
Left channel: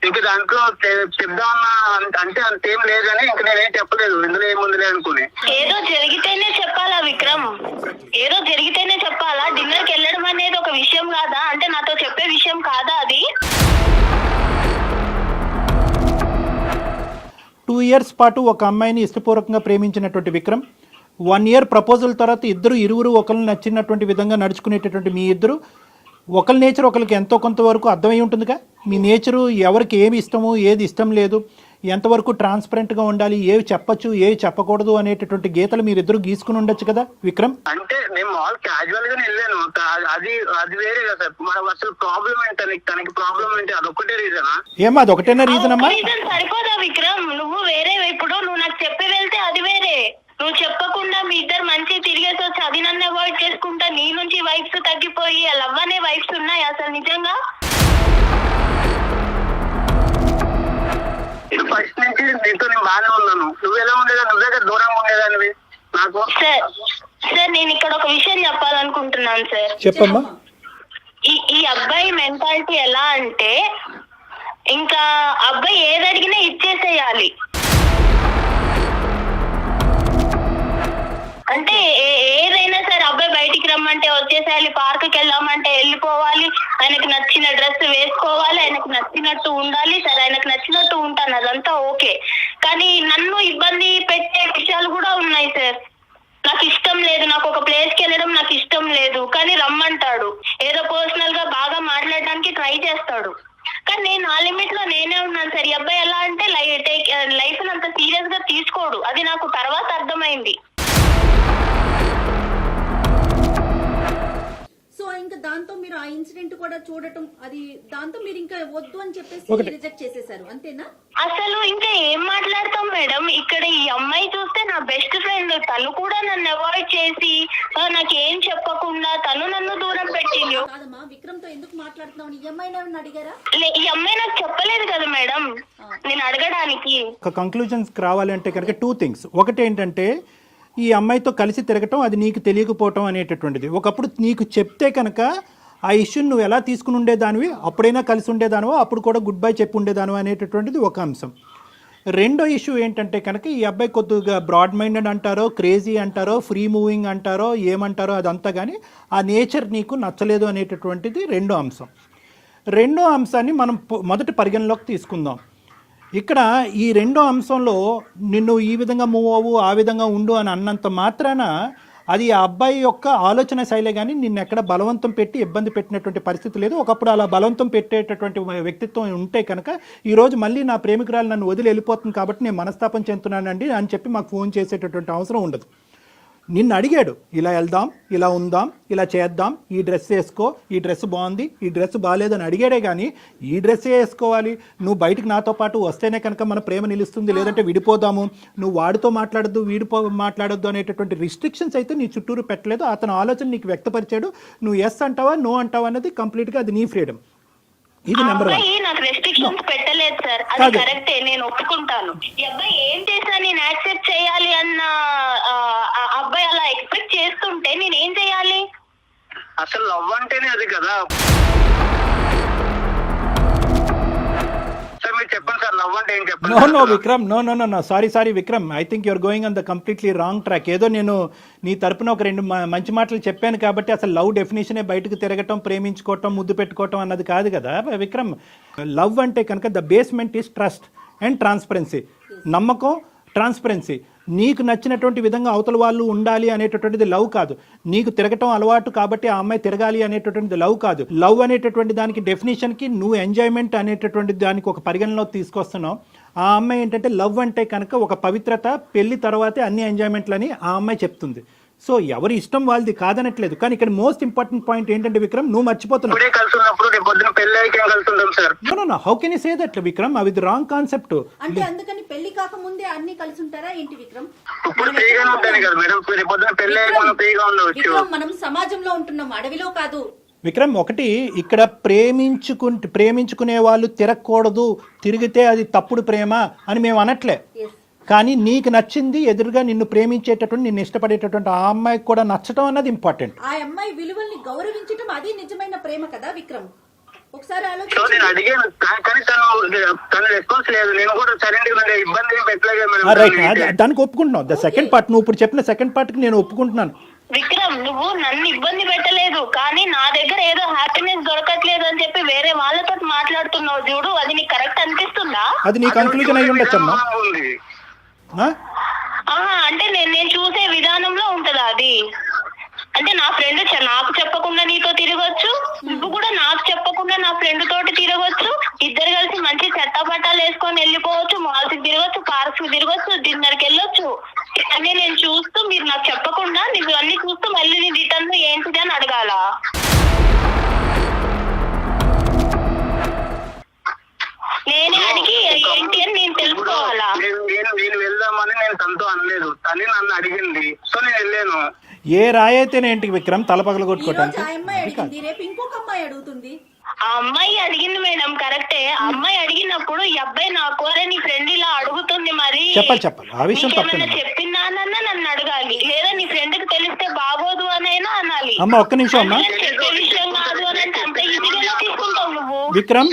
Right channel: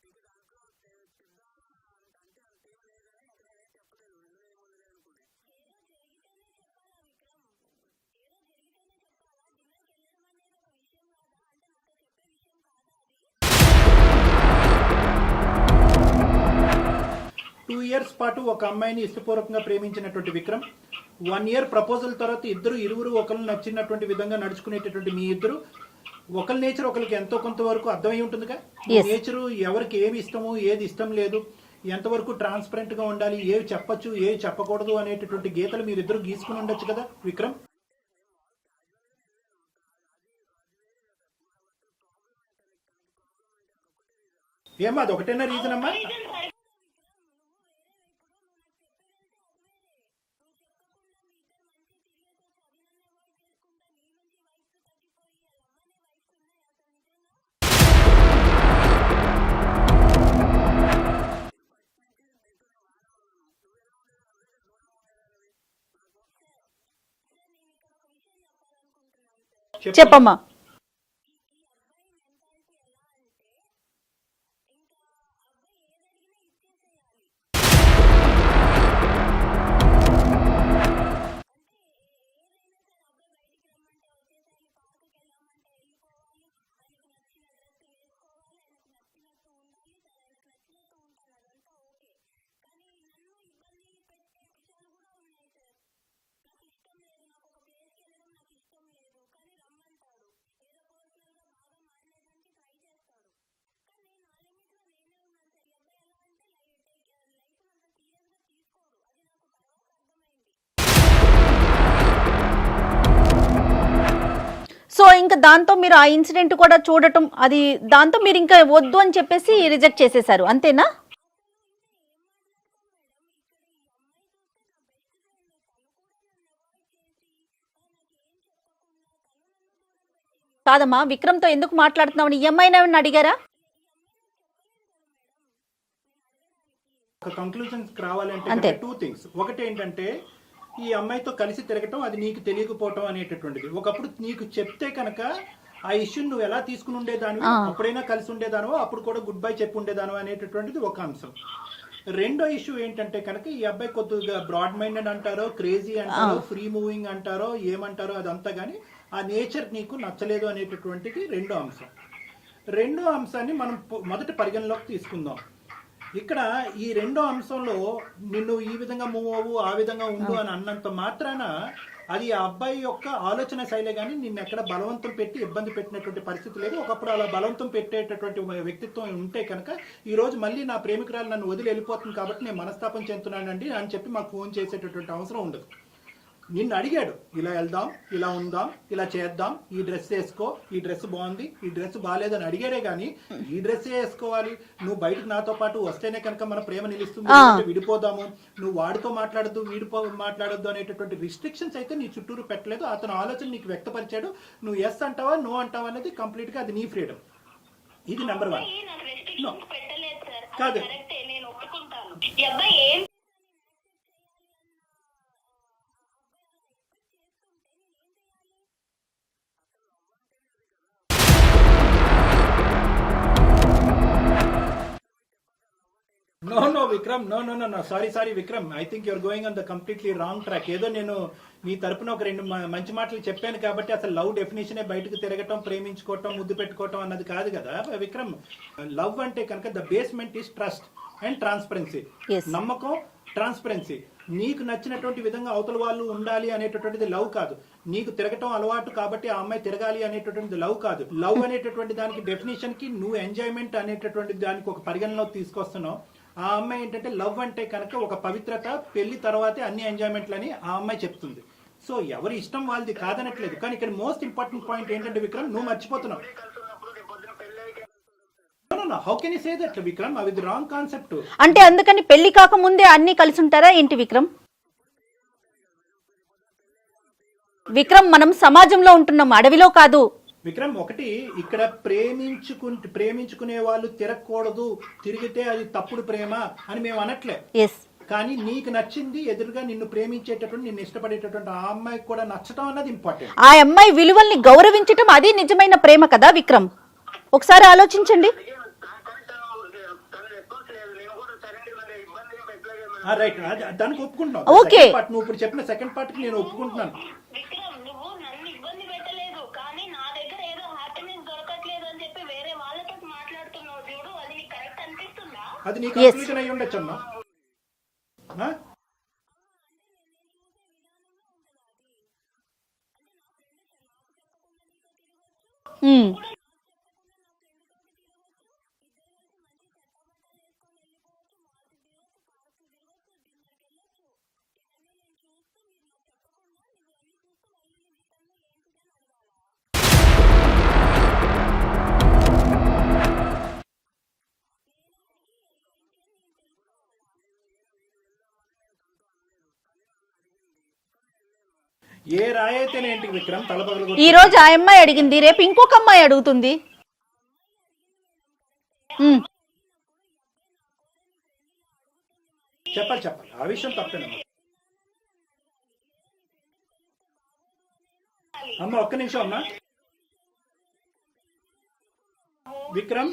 ఇంక దాంట్లో చెప్దామన్నా అంటే అంతేం లేదని ఇంక నేనేం చెప్పలేదు, ఇందులో ఏముందిలే అనుకుని. ఏదో జరిగితేనే చెప్పాలా విక్రమ్? ఏదో జరిగితేనే చెప్పాలా? డిన్నర్ కి వెళ్ళడం అనేది ఒక విషయం కాదా? అంటే నాతో చెప్పే విషయం కాదా అది? 2 years పాటు ఒక అమ్మాయిని ఇష్టపూర్వకంగా ప్రేమించినటువంటి విక్రమ్ 1 year ప్రపోజల్ తర్వాత ఇరువురు ఒకరిని నచ్చినటువంటి విధంగా నడుచుకునేటటువంటి మీ ఇద్దరు ఒకరి నేచర్ ఒకరికి ఎంతో కొంతవరకు అర్థమై ఉంటుందిగా. మీ నేచరు ఎవరికి ఏమి ఇష్టము ఏది ఇష్టం లేదు, ఎంతవరకు ట్రాన్స్పరెంట్గా ఉండాలి, ఏవి చెప్పచ్చు ఏవి చెప్పకూడదు అనేటటువంటి గీతలు మీరిద్దరు గీసుకుని ఉండొచ్చు కదా విక్రమ్. అంటే నేను మాల్ క్యాజువల్ గానే వెళ్ళాను, అది వేరే కదా సార్. అసలు ప్రాబ్లం ఏంటి తనకి ప్రాబ్లం ఏంటి? అదొక్కటే రీజనా? ఏమా అదొకటేనా రీజన్ అమ్మా? సరిపోదా విక్రమ్? నువ్వు వేరే, ఇప్పుడు నువ్వు నాకు చెప్పి వెళ్తే అది వేరే, నువ్వు చెప్పకుండా మీ ఇద్దరు మంచి తిరిగేసి వచ్చి అది నన్ను అవాయిడ్ చేసుకుంటా నీ నుంచి వైబ్స్ తగ్గిపోయి లవ్ అనే వైబ్స్ ఉన్నాయి అసలు నిజంగా? ఫస్ట్ నుంచి నీతో నేను బాగానే ఉన్నాను. నువ్వు ఎలా ఉండేదా? నువ్వు దగ్గర దూరంగా ఉండేదానివి నాకు. సార్ నేను ఇక్కడ ఒక విషయం చెప్పాలనుకుంటున్నాను సార్. చెప్పమ్మా. ఈ అబ్బాయి మెంటాలిటీ ఎలా అంటే ఇంకా అబ్బాయి ఏది అడిగినా ఇచ్చేసేయాలి. అంటే ఏదైనా సరే అబ్బాయి బయటికి రమ్మంటే వచ్చేసేయాలి, పార్క్కి వెళ్ళామంటే వెళ్ళిపోవాలి, ఆయనకు నచ్చిన డ్రెస్ వేసుకోవాలి, ఆయనకు నచ్చినట్టు ఉండాలి. సరే ఆయనకు నచ్చినట్టు ఉంటాను, అదంతా ఓకే. కానీ నన్ను ఇబ్బంది పెట్టే విషయాలు కూడా ఉన్నాయి సార్. నాకు ఇష్టం లేదు, నాకు ఒక ప్లేస్కి వెళ్ళడం నాకు ఇష్టం లేదు, కానీ రమ్మంటాడు. ఏదో పర్సనల్ గా బాగా మాట్లాడడానికి ట్రై చేస్తాడు. కానీ నేను ఆ లిమిట్ లో నేనే ఉన్నాను సార్. ఈ అబ్బాయి ఎలా అంటే లైఫ్ అంత సీరియస్ గా తీసుకోడు. అది నాకు తర్వాత అర్థమైంది. సో ఇంకా దాంతో మీరు ఆ ఇన్సిడెంట్ కూడా చూడటం, అది దాంతో మీరు ఇంకా వద్దు అని చెప్పేసి రిజెక్ట్ చేసేసారు, అంతేనా? అసలు ఇంకా ఏం మాట్లాడతాం మేడం. ఇక్కడ ఈ అమ్మాయి చూస్తే నా బెస్ట్ ఫ్రెండ్, తను కూడా నన్ను అవాయిడ్ చేసి నాకేం చెప్పకుండా తను నన్ను దూరం పెట్టింది. కాదమ్మా, విక్రమ్ తో ఎందుకు మాట్లాడుతున్నావు? ఈ అమ్మాయిని ఏమన్నా అడిగారా? ఈ అమ్మాయి నాకు చెప్పలేదు కదా మేడం నేను అడగడానికి. ఒక కంక్లూజన్స్ రావాలంటే కనుక 2 things. ఒకటి ఏంటంటే ఈ అమ్మాయితో కలిసి తిరగటం అది నీకు తెలియకపోవటం అనేటటువంటిది. ఒకప్పుడు నీకు చెప్తే కనుక ఆ ఇష్యూని నువ్వు ఎలా తీసుకుని ఉండేదానివి, అప్పుడైనా కలిసి ఉండేదానివో, అప్పుడు కూడా గుడ్ బై చెప్పి ఉండేదానివో అనేటటువంటిది ఒక అంశం. రెండో ఇష్యూ ఏంటంటే కనుక ఈ అబ్బాయి కొద్దిగా బ్రాడ్ మైండెడ్ అంటారో, క్రేజీ అంటారో, ఫ్రీ మూవింగ్ అంటారో, ఏమంటారో అదంతా, కానీ ఆ నేచర్ నీకు నచ్చలేదు అనేటటువంటిది రెండో అంశం. రెండో అంశాన్ని మనం మొదటి పరిగణలోకి తీసుకుందాం. ఇక్కడ ఈ రెండో అంశంలో నిన్ను ఈ విధంగా మూవ్ అవ్వు, ఆ విధంగా ఉండు అని అన్నంత మాత్రాన అది ఆ అబ్బాయి యొక్క ఆలోచన శైలే, కానీ నిన్ను ఎక్కడ బలవంతం పెట్టి ఇబ్బంది పెట్టినటువంటి పరిస్థితి లేదు. ఒకప్పుడు అలా బలవంతం పెట్టేటటువంటి వ్యక్తిత్వం ఉంటే కనుక ఈరోజు మళ్ళీ నా ప్రేమికురాలు నన్ను వదిలి వెళ్ళిపోతుంది కాబట్టి నేను మనస్తాపం చెందుతున్నానండి అని చెప్పి మాకు ఫోన్ చేసేటటువంటి అవసరం ఉండదు. నిన్ను అడిగాడు, ఇలా వెళ్దాం, ఇలా ఉందాం, ఇలా చేద్దాం, ఈ డ్రెస్ వేసుకో, ఈ డ్రెస్ బాగుంది, ఈ డ్రెస్ బాగాలేదని అడిగాడే కానీ ఈ డ్రెస్సే వేసుకోవాలి, నువ్వు బయటకు నాతో పాటు వస్తేనే కనుక మన ప్రేమ నిలుస్తుంది, లేదంటే విడిపోదాము, నువ్వు వాడితో మాట్లాడద్దు, మాట్లాడొద్దు అనేటటువంటి రిస్ట్రిక్షన్స్ అయితే నీ చుట్టూరు పెట్టలేదు. అతను ఆలోచన నీకు వ్యక్తపరిచాడు. నువ్వు ఎస్ అంటావా, నో అంటావా అనేది కంప్లీట్గా అది నీ ఫ్రీడమ్. ఇది నెంబర్ 1. నాకు రెస్ట్రిక్షన్స్ పెట్టలేదు సార్, అది కరెక్టే, నేను ఒప్పుకుంటాను. ఈ అబ్బాయి ఏం చేసినా నేను యాక్సెప్ట్ చేయాలి అన్న అబ్బాయి అలా ఎక్స్పెక్ట్ చేస్తుంటే నేను ఏం చేయాలి? అసలు లవ్ అంటేనే అది కదా సార్. మీరు చెప్పండి సార్, లవ్ అంటే ఏం చెప్పండి. No Vikram, no sorry Vikram, I think you're going on the completely wrong track. ఏదో నేను నీ తరపున ఒక 2 మంచి మాటలు చెప్పాను కాబట్టి అసలు లవ్ డెఫినేషనే బయటకు తిరగటం, ప్రేమించుకోవటం, ముద్దు పెట్టుకోవటం అన్నది కాదు కదా విక్రమ్. లవ్ అంటే కనుక the basement is trust and transparency. నమ్మకం, ట్రాన్స్పరెన్సీ. నీకు నచ్చినటువంటి విధంగా అవతల వాళ్ళు ఉండాలి అనేటటువంటిది లవ్ కాదు. నీకు తిరగటం అలవాటు కాబట్టి ఆ అమ్మాయి తిరగాలి అనేటటువంటిది లవ్ కాదు. లవ్ అనేటటువంటి దానికి డెఫినేషన్కి నువ్వు ఎంజాయ్మెంట్ అనేటటువంటి దానికి ఒక పరిగణలో తీసుకొస్తున్నావు. ఆ అమ్మాయి ఏంటంటే లవ్ అంటే కనుక ఒక పవిత్రత, పెళ్లి తర్వాతే అన్ని ఎంజాయ్మెంట్లని ఆ అమ్మాయి చెప్తుంది. సో ఎవరి ఇష్టం వాళ్ళది కాదనట్లేదు. కానీ ఇక్కడ మోస్ట్ ఇంపార్టెంట్ పాయింట్ ఏంటంటే విక్రమ్, నువ్వు మర్చిపోతున్నావు. How can you say that Vikram? అది రాంగ్ కాన్సెప్ట్. అంటే అందుకని పెళ్లి కాకముందే అన్ని కలిసి ఉంటారా ఏంటి విక్రమ్? విక్రమ్, మనం సమాజంలో ఉంటున్నాం, అడవిలో కాదు. విక్రమ్, ఒకటి ఇక్కడ ప్రేమించుకునే వాళ్ళు తిరగకూడదు, తిరిగితే అది తప్పుడు ప్రేమ అని మేము అనట్లే. కానీ నీకు నచ్చింది, ఎదురుగా నిన్ను ప్రేమించేటటువంటి, నిన్ను ఇష్టపడేటటువంటి ఆ అమ్మాయికి కూడా నచ్చటం అన్నది ఇంపార్టెంట్. ఆ అమ్మాయి విలువల్ని గౌరవించటం అది నిజమైన ప్రేమ కదా విక్రమ్? ఒకసారి ఆలోచించండి. దానికి ఒప్పుకుంటున్నావు. సెకండ్ పార్ట్, నువ్వు ఇప్పుడు చెప్పిన సెకండ్ పార్ట్ కి నేను ఒప్పుకుంటున్నాను. విక్రమ్, నువ్వు నన్ను ఇబ్బంది పెట్టలేదు, కానీ నా దగ్గర ఏదో హ్యాపీనెస్ దొరకట్లేదు అని చెప్పి వేరే వాళ్ళతో మాట్లాడుతున్నావు చూడు, అది నీకు కరెక్ట్ అనిపిస్తుందా? అది నీ కన్క్లూజన్ అయి ఉండొచ్చమ్మా. అంటే నేను చూసే విధానంలో ఉంటదా అది? అంటే నా ఫ్రెండ్ నాకు చెప్పకుండా నీతో తిరగొచ్చు, నువ్వు కూడా నాకు చెప్పకుండా నా ఫ్రెండ్ తోటి తిరగొచ్చు, ఇద్దరు కలిసి మంచి చెట్టపట్టాలు వేసుకొని వెళ్ళిపోవచ్చు, మాల్స్ కి తిరగొచ్చు, పార్క్స్ కి తిరగొచ్చు, డిన్నర్ కి వెళ్ళొచ్చు. అన్నీ నేను చూస్తూ, మీరు నాకు చెప్పకుండా నువ్వు అన్ని చూస్తూ మళ్ళీ నీ రిటర్న్ ఏంటిది అని అడగాల? నేనే అడిగి ఏంటి అని నేను తెలుసుకోవాలా? నేను వెళ్దామని నేను తనతో అనలేదు, తల్లి నన్ను అడిగింది, సో నేను వెళ్ళాను. ఏ రాయైతేనేంటి విక్రమ్, తలపగలగొట్టు. ఈ రోజు ఆ అమ్మాయి అడిగింది, రేపు ఇంకొక అమ్మాయి అడుగుతుంది. ఆ అమ్మాయి అడిగింది మేడం, కరెక్టే. ఆ అమ్మాయి అడిగినప్పుడు ఈ అబ్బాయి నాకు నీ ఫ్రెండ్ ఇలా అడుగుతుంది, మరి చెప్పాలి ఆ విషయం చెప్పిందానన్నా నన్ను అడగాలి, లేదా నీ ఫ్రెండ్ కి తెలిస్తే బాగోదు అనైనా అనాలి. అమ్మ ఒక్క నిమిషం అమ్మా. చెప్పే విషయం కాదు అని అంటే అంత ఈజీగా విక్రమ్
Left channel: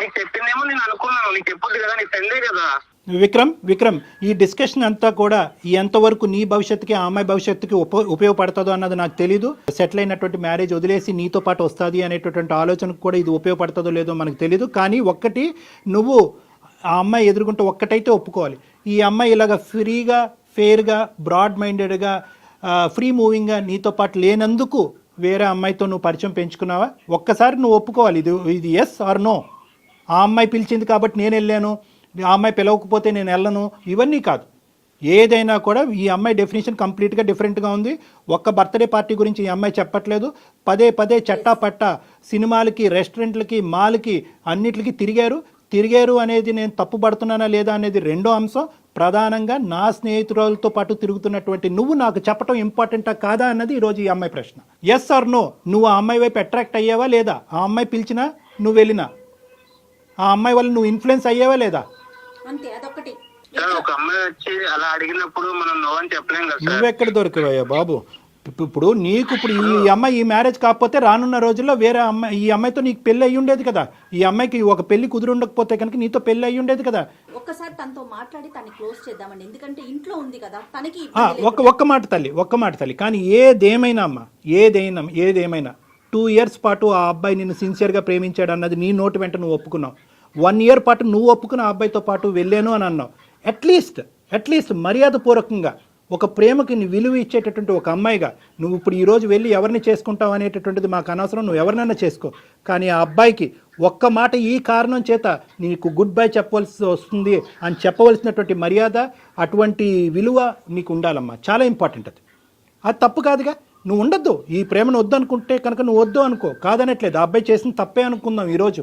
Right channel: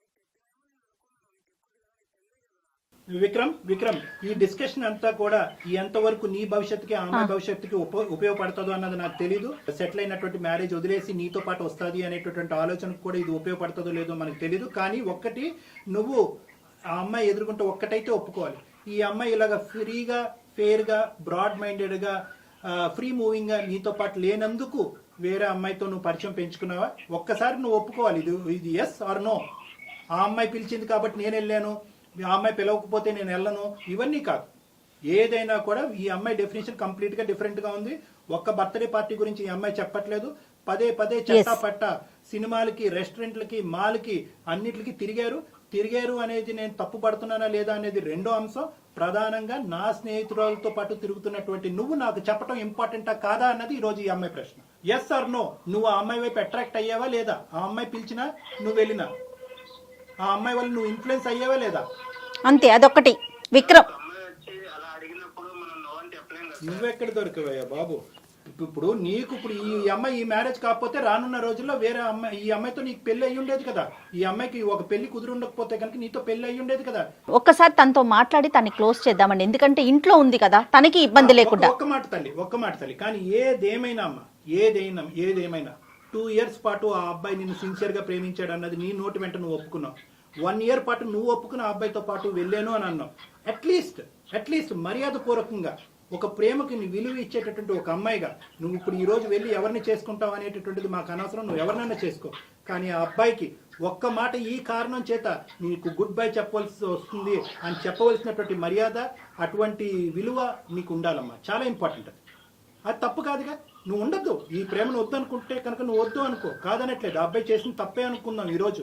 నీకు చెప్పిందేమో నేను అనుకున్నాను, నీకు చెప్పొద్దు కదా, నీ ఫ్రెండే కదా. విక్రమ్ ఈ డిస్కషన్ అంతా కూడా ఎంతవరకు నీ భవిష్యత్తుకి ఆ అమ్మాయి భవిష్యత్తుకి ఉపయోగపడుతుందో అన్నది నాకు తెలీదు. సెటిల్ అయినటువంటి మ్యారేజ్ వదిలేసి నీతో పాటు వస్తుంది అనేటటువంటి ఆలోచనకు కూడా ఇది ఉపయోగపడుతుందో లేదో మనకు తెలీదు. కానీ ఒక్కటి, నువ్వు ఆ అమ్మాయి ఎదుర్కొంటే ఒక్కటైతే ఒప్పుకోవాలి, ఈ అమ్మాయి ఇలాగ ఫ్రీగా, ఫెయిర్గా, బ్రాడ్ మైండెడ్గా, ఫ్రీ మూవింగ్గా నీతో పాటు లేనందుకు వేరే అమ్మాయితో నువ్వు పరిచయం పెంచుకున్నావా? ఒక్కసారి నువ్వు ఒప్పుకోవాలి, ఇది ఎస్ ఆర్ నో. ఆ అమ్మాయి పిలిచింది కాబట్టి నేను వెళ్ళాను, ఆ అమ్మాయి పిలవకపోతే నేను వెళ్ళను, ఇవన్నీ కాదు. ఏదైనా కూడా ఈ అమ్మాయి డెఫినేషన్ కంప్లీట్గా డిఫరెంట్గా ఉంది. ఒక్క బర్త్డే పార్టీ గురించి ఈ అమ్మాయి చెప్పట్లేదు. పదే పదే చట్టాపట్ట సినిమాలకి, రెస్టారెంట్లకి, మాల్కి, అన్నిటికి తిరిగారు అనేది నేను తప్పు పడుతున్నానా లేదా అనేది రెండో అంశం. ప్రధానంగా నా స్నేహితురాలతో పాటు తిరుగుతున్నటువంటి నువ్వు నాకు చెప్పడం ఇంపార్టెంటా కాదా అన్నది ఈరోజు ఈ అమ్మాయి ప్రశ్న. ఎస్ ఆర్ నో, నువ్వు ఆ అమ్మాయి వైపు అట్రాక్ట్ అయ్యావా లేదా? ఆ అమ్మాయి పిలిచినా నువ్వు వెళ్ళినా ఆ అమ్మాయి వల్ల నువ్వు ఇన్ఫ్లుయెన్స్ అయ్యావా లేదా? అంతే, అదొక్కటి. విక్రమ్, ఒక అమ్మాయి వచ్చి అలా అడిగినప్పుడు మనం నో అని చెప్పలేం కదా సార్. నువ్వెక్కడ దొరికావయ్యా బాబు? ఇప్పుడు నీకు ఇప్పుడు ఈ అమ్మాయి ఈ మ్యారేజ్ కాకపోతే రానున్న రోజుల్లో వేరే అమ్మాయి, ఈ అమ్మాయితో నీకు పెళ్లి అయ్యి ఉండేది కదా. ఈ అమ్మాయికి ఒక పెళ్లి కుదిరి ఉండకపోతే కనుక నీతో పెళ్లి అయ్యి ఉండేది కదా. ఒక్కసారి తనతో మాట్లాడి తనని క్లోజ్ చేద్దామండి, ఎందుకంటే ఇంట్లో ఉంది కదా, తనకి ఇబ్బంది లేకుండా. ఒక్క మాట తల్లి, కానీ ఏదేమైనా అమ్మా, ఏదేమైనా 2 years పాటు ఆ అబ్బాయి నిన్ను సిన్సియర్గా ప్రేమించాడు అన్నది నీ నోటి వెంట నువ్వు ఒప్పుకున్నావు. 1 year పాటు నువ్వు ఒప్పుకున్న ఆ అబ్బాయితో పాటు వెళ్ళాను అని అన్నావు. అట్లీస్ట్ మర్యాదపూర్వకంగా ఒక ప్రేమకి విలువ ఇచ్చేటటువంటి ఒక అమ్మాయిగా నువ్వు ఇప్పుడు ఈరోజు వెళ్ళి ఎవరిని చేసుకుంటావు అనేటటువంటిది మాకు అనవసరం, నువ్వు ఎవరినైనా చేసుకో. కానీ ఆ అబ్బాయికి ఒక్క మాట ఈ కారణం చేత నీకు గుడ్ బై చెప్పవలసి వస్తుంది అని చెప్పవలసినటువంటి మర్యాద, అటువంటి విలువ నీకు ఉండాలమ్మా. చాలా ఇంపార్టెంట్ అది తప్పు కాదుగా. నువ్వు ఉండొద్దు, ఈ ప్రేమను వద్దు అనుకుంటే కనుక నువ్వు వద్దు అనుకో, కాదనట్లేదు. ఆ అబ్బాయి చేసిన తప్పే అనుకుందాం ఈరోజు.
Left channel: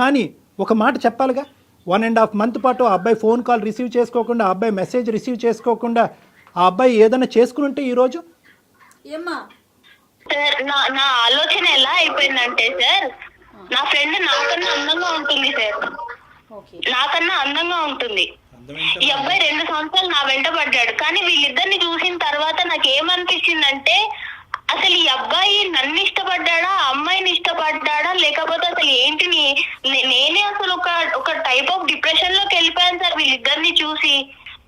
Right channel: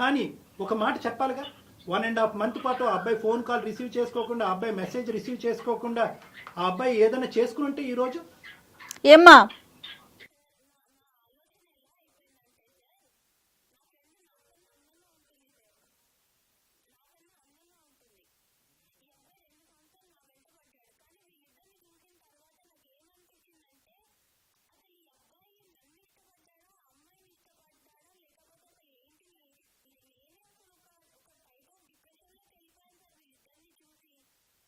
కానీ ఒక మాట చెప్పాలిగా. 1.5 month పాటు ఆ అబ్బాయి ఫోన్ కాల్ రిసీవ్ చేసుకోకుండా, ఆ అబ్బాయి మెసేజ్ రిసీవ్ చేసుకోకుండా ఆ అబ్బాయి ఏదైనా చేసుకుని ఉంటే ఈరోజు ఏమ్మా? సార్ నా ఆలోచన ఎలా అయిపోయిందంటే సార్, నా ఫ్రెండ్ నాకన్నా అందంగా ఉంటుంది సార్, నాకన్నా అందంగా ఉంటుంది. ఈ అబ్బాయి 2 సంవత్సరాలు నా వెంట పడ్డాడు. కానీ వీళ్ళిద్దరిని చూసిన తర్వాత నాకు ఏమనిపించిందంటే, అసలు ఈ అబ్బాయి నన్ను ఇష్టపడ్డాడా, అమ్మాయిని ఇష్టపడ్డాడా, లేకపోతే అసలు ఏంటి, నేనే అసలు ఒక టైప్ ఆఫ్ డిప్రెషన్ లోకి వెళ్ళిపోయాను సార్ వీళ్ళిద్దరిని చూసి.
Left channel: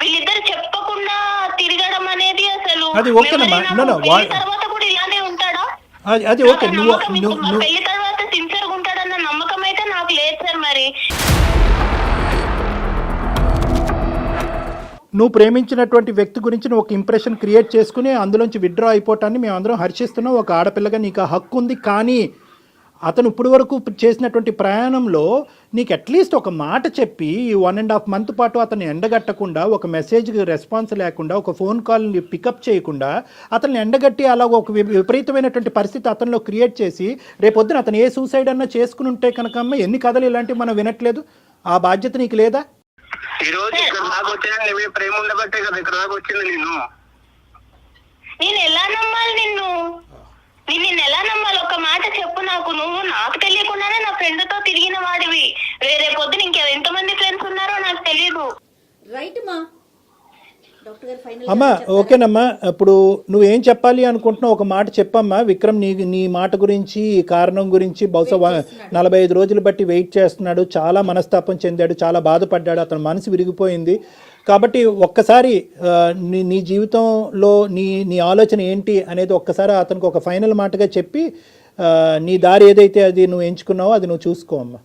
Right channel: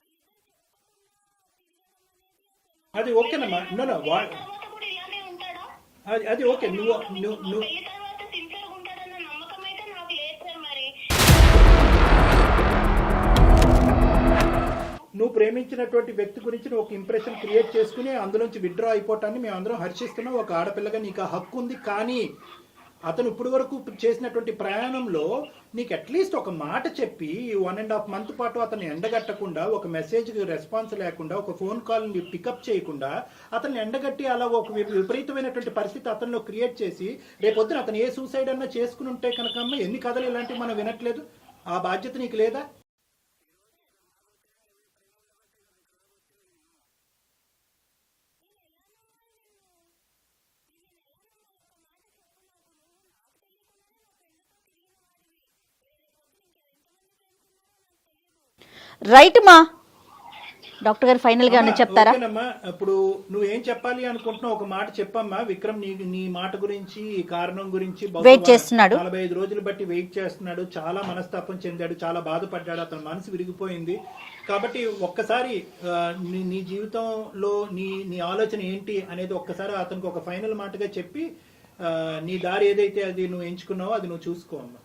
వీళ్ళిద్దరు చెప్పకుండా తిరగడం అనేది అసలు తర్వాత కూడా ఇలానే ఉంటాడా? అది ఓకే, పెళ్లి తర్వాత సిన్సియర్ గా ఉంటాడన్న నమ్మకం అయితే నాకు లేదు సార్. మరి నువ్వు ప్రేమించినటువంటి వ్యక్తి గురించి నువ్వు ఒక ఇంప్రెషన్ క్రియేట్ చేసుకుని అందులోంచి విత్డ్రా అయిపోవటాన్ని మేము అందరం హర్షిస్తున్నాం. ఒక ఆడపిల్లగా నీకు ఆ హక్కు ఉంది. కానీ అతను ఇప్పుడు వరకు చేసినటువంటి ప్రయాణంలో నీకు అట్లీస్ట్ ఒక మాట చెప్పి 1.5 month పాటు అతన్ని ఎండగట్టకుండా, ఒక మెసేజ్కి రెస్పాన్స్ లేకుండా, ఒక ఫోన్ కాల్ని పికప్ చేయకుండా అతన్ని ఎండగట్టి అలా ఒక విపరీతమైనటువంటి పరిస్థితి అతనిలో క్రియేట్ చేసి రేపొద్దున అతను ఏ సూసైడ్ అన్నా చేసుకుని ఉంటే కనుక అమ్మ ఎన్ని కథలు ఇలాంటివి మనం వినట్లేదు. ఆ బాధ్యత నీకు లేదా? ఈ రోజు ఇక్కడ దాకా వచ్చాను, నీ ప్రేమ ఉండబట్టే కదా ఇక్కడ దాకా వచ్చింది. నేను ఎలా నమ్మాలి నిన్ను ఎలా నమ్మాలి? ఒక మాట చెప్పు నాకు. నువ్వు నాకు తెలియకుండానే నా ఫ్రెండ్ తో తిరిగిన వాడివి. రేపు పొద్దున ఎంతమంది ఫ్రెండ్స్ ఉన్నారో నాకు తెలియదు. రైట్ మా డాక్టర్ గారు ఫైనల్ గా చెప్తారా? ఓకేనమ్మా, ఇప్పుడు నువ్వేం చెప్పాలి అనుకుంటున్నావు ఒక మాట చెప్పమ్మా. విక్రమ్ నీ మాట గురించి, ఈ కారణం గురించి బహుశా 45 రోజులు బట్టి వెయిట్ చేస్తున్నాడు. చాలా మనస్తాపం చెందాడు, చాలా బాధపడ్డాడు, అతని మనసు విరిగిపోయింది. కాబట్టి ఒక్కసారి నీ జీవితంలో నీ ఆలోచన ఏంటి అనేది ఒక్కసారి అతనికి ఒక ఫైనల్ మాటగా చెప్పి నీ దారి ఏదైతే అది నువ్వు ఎంచుకున్నావో అది నువ్వు చూసుకో అమ్మా.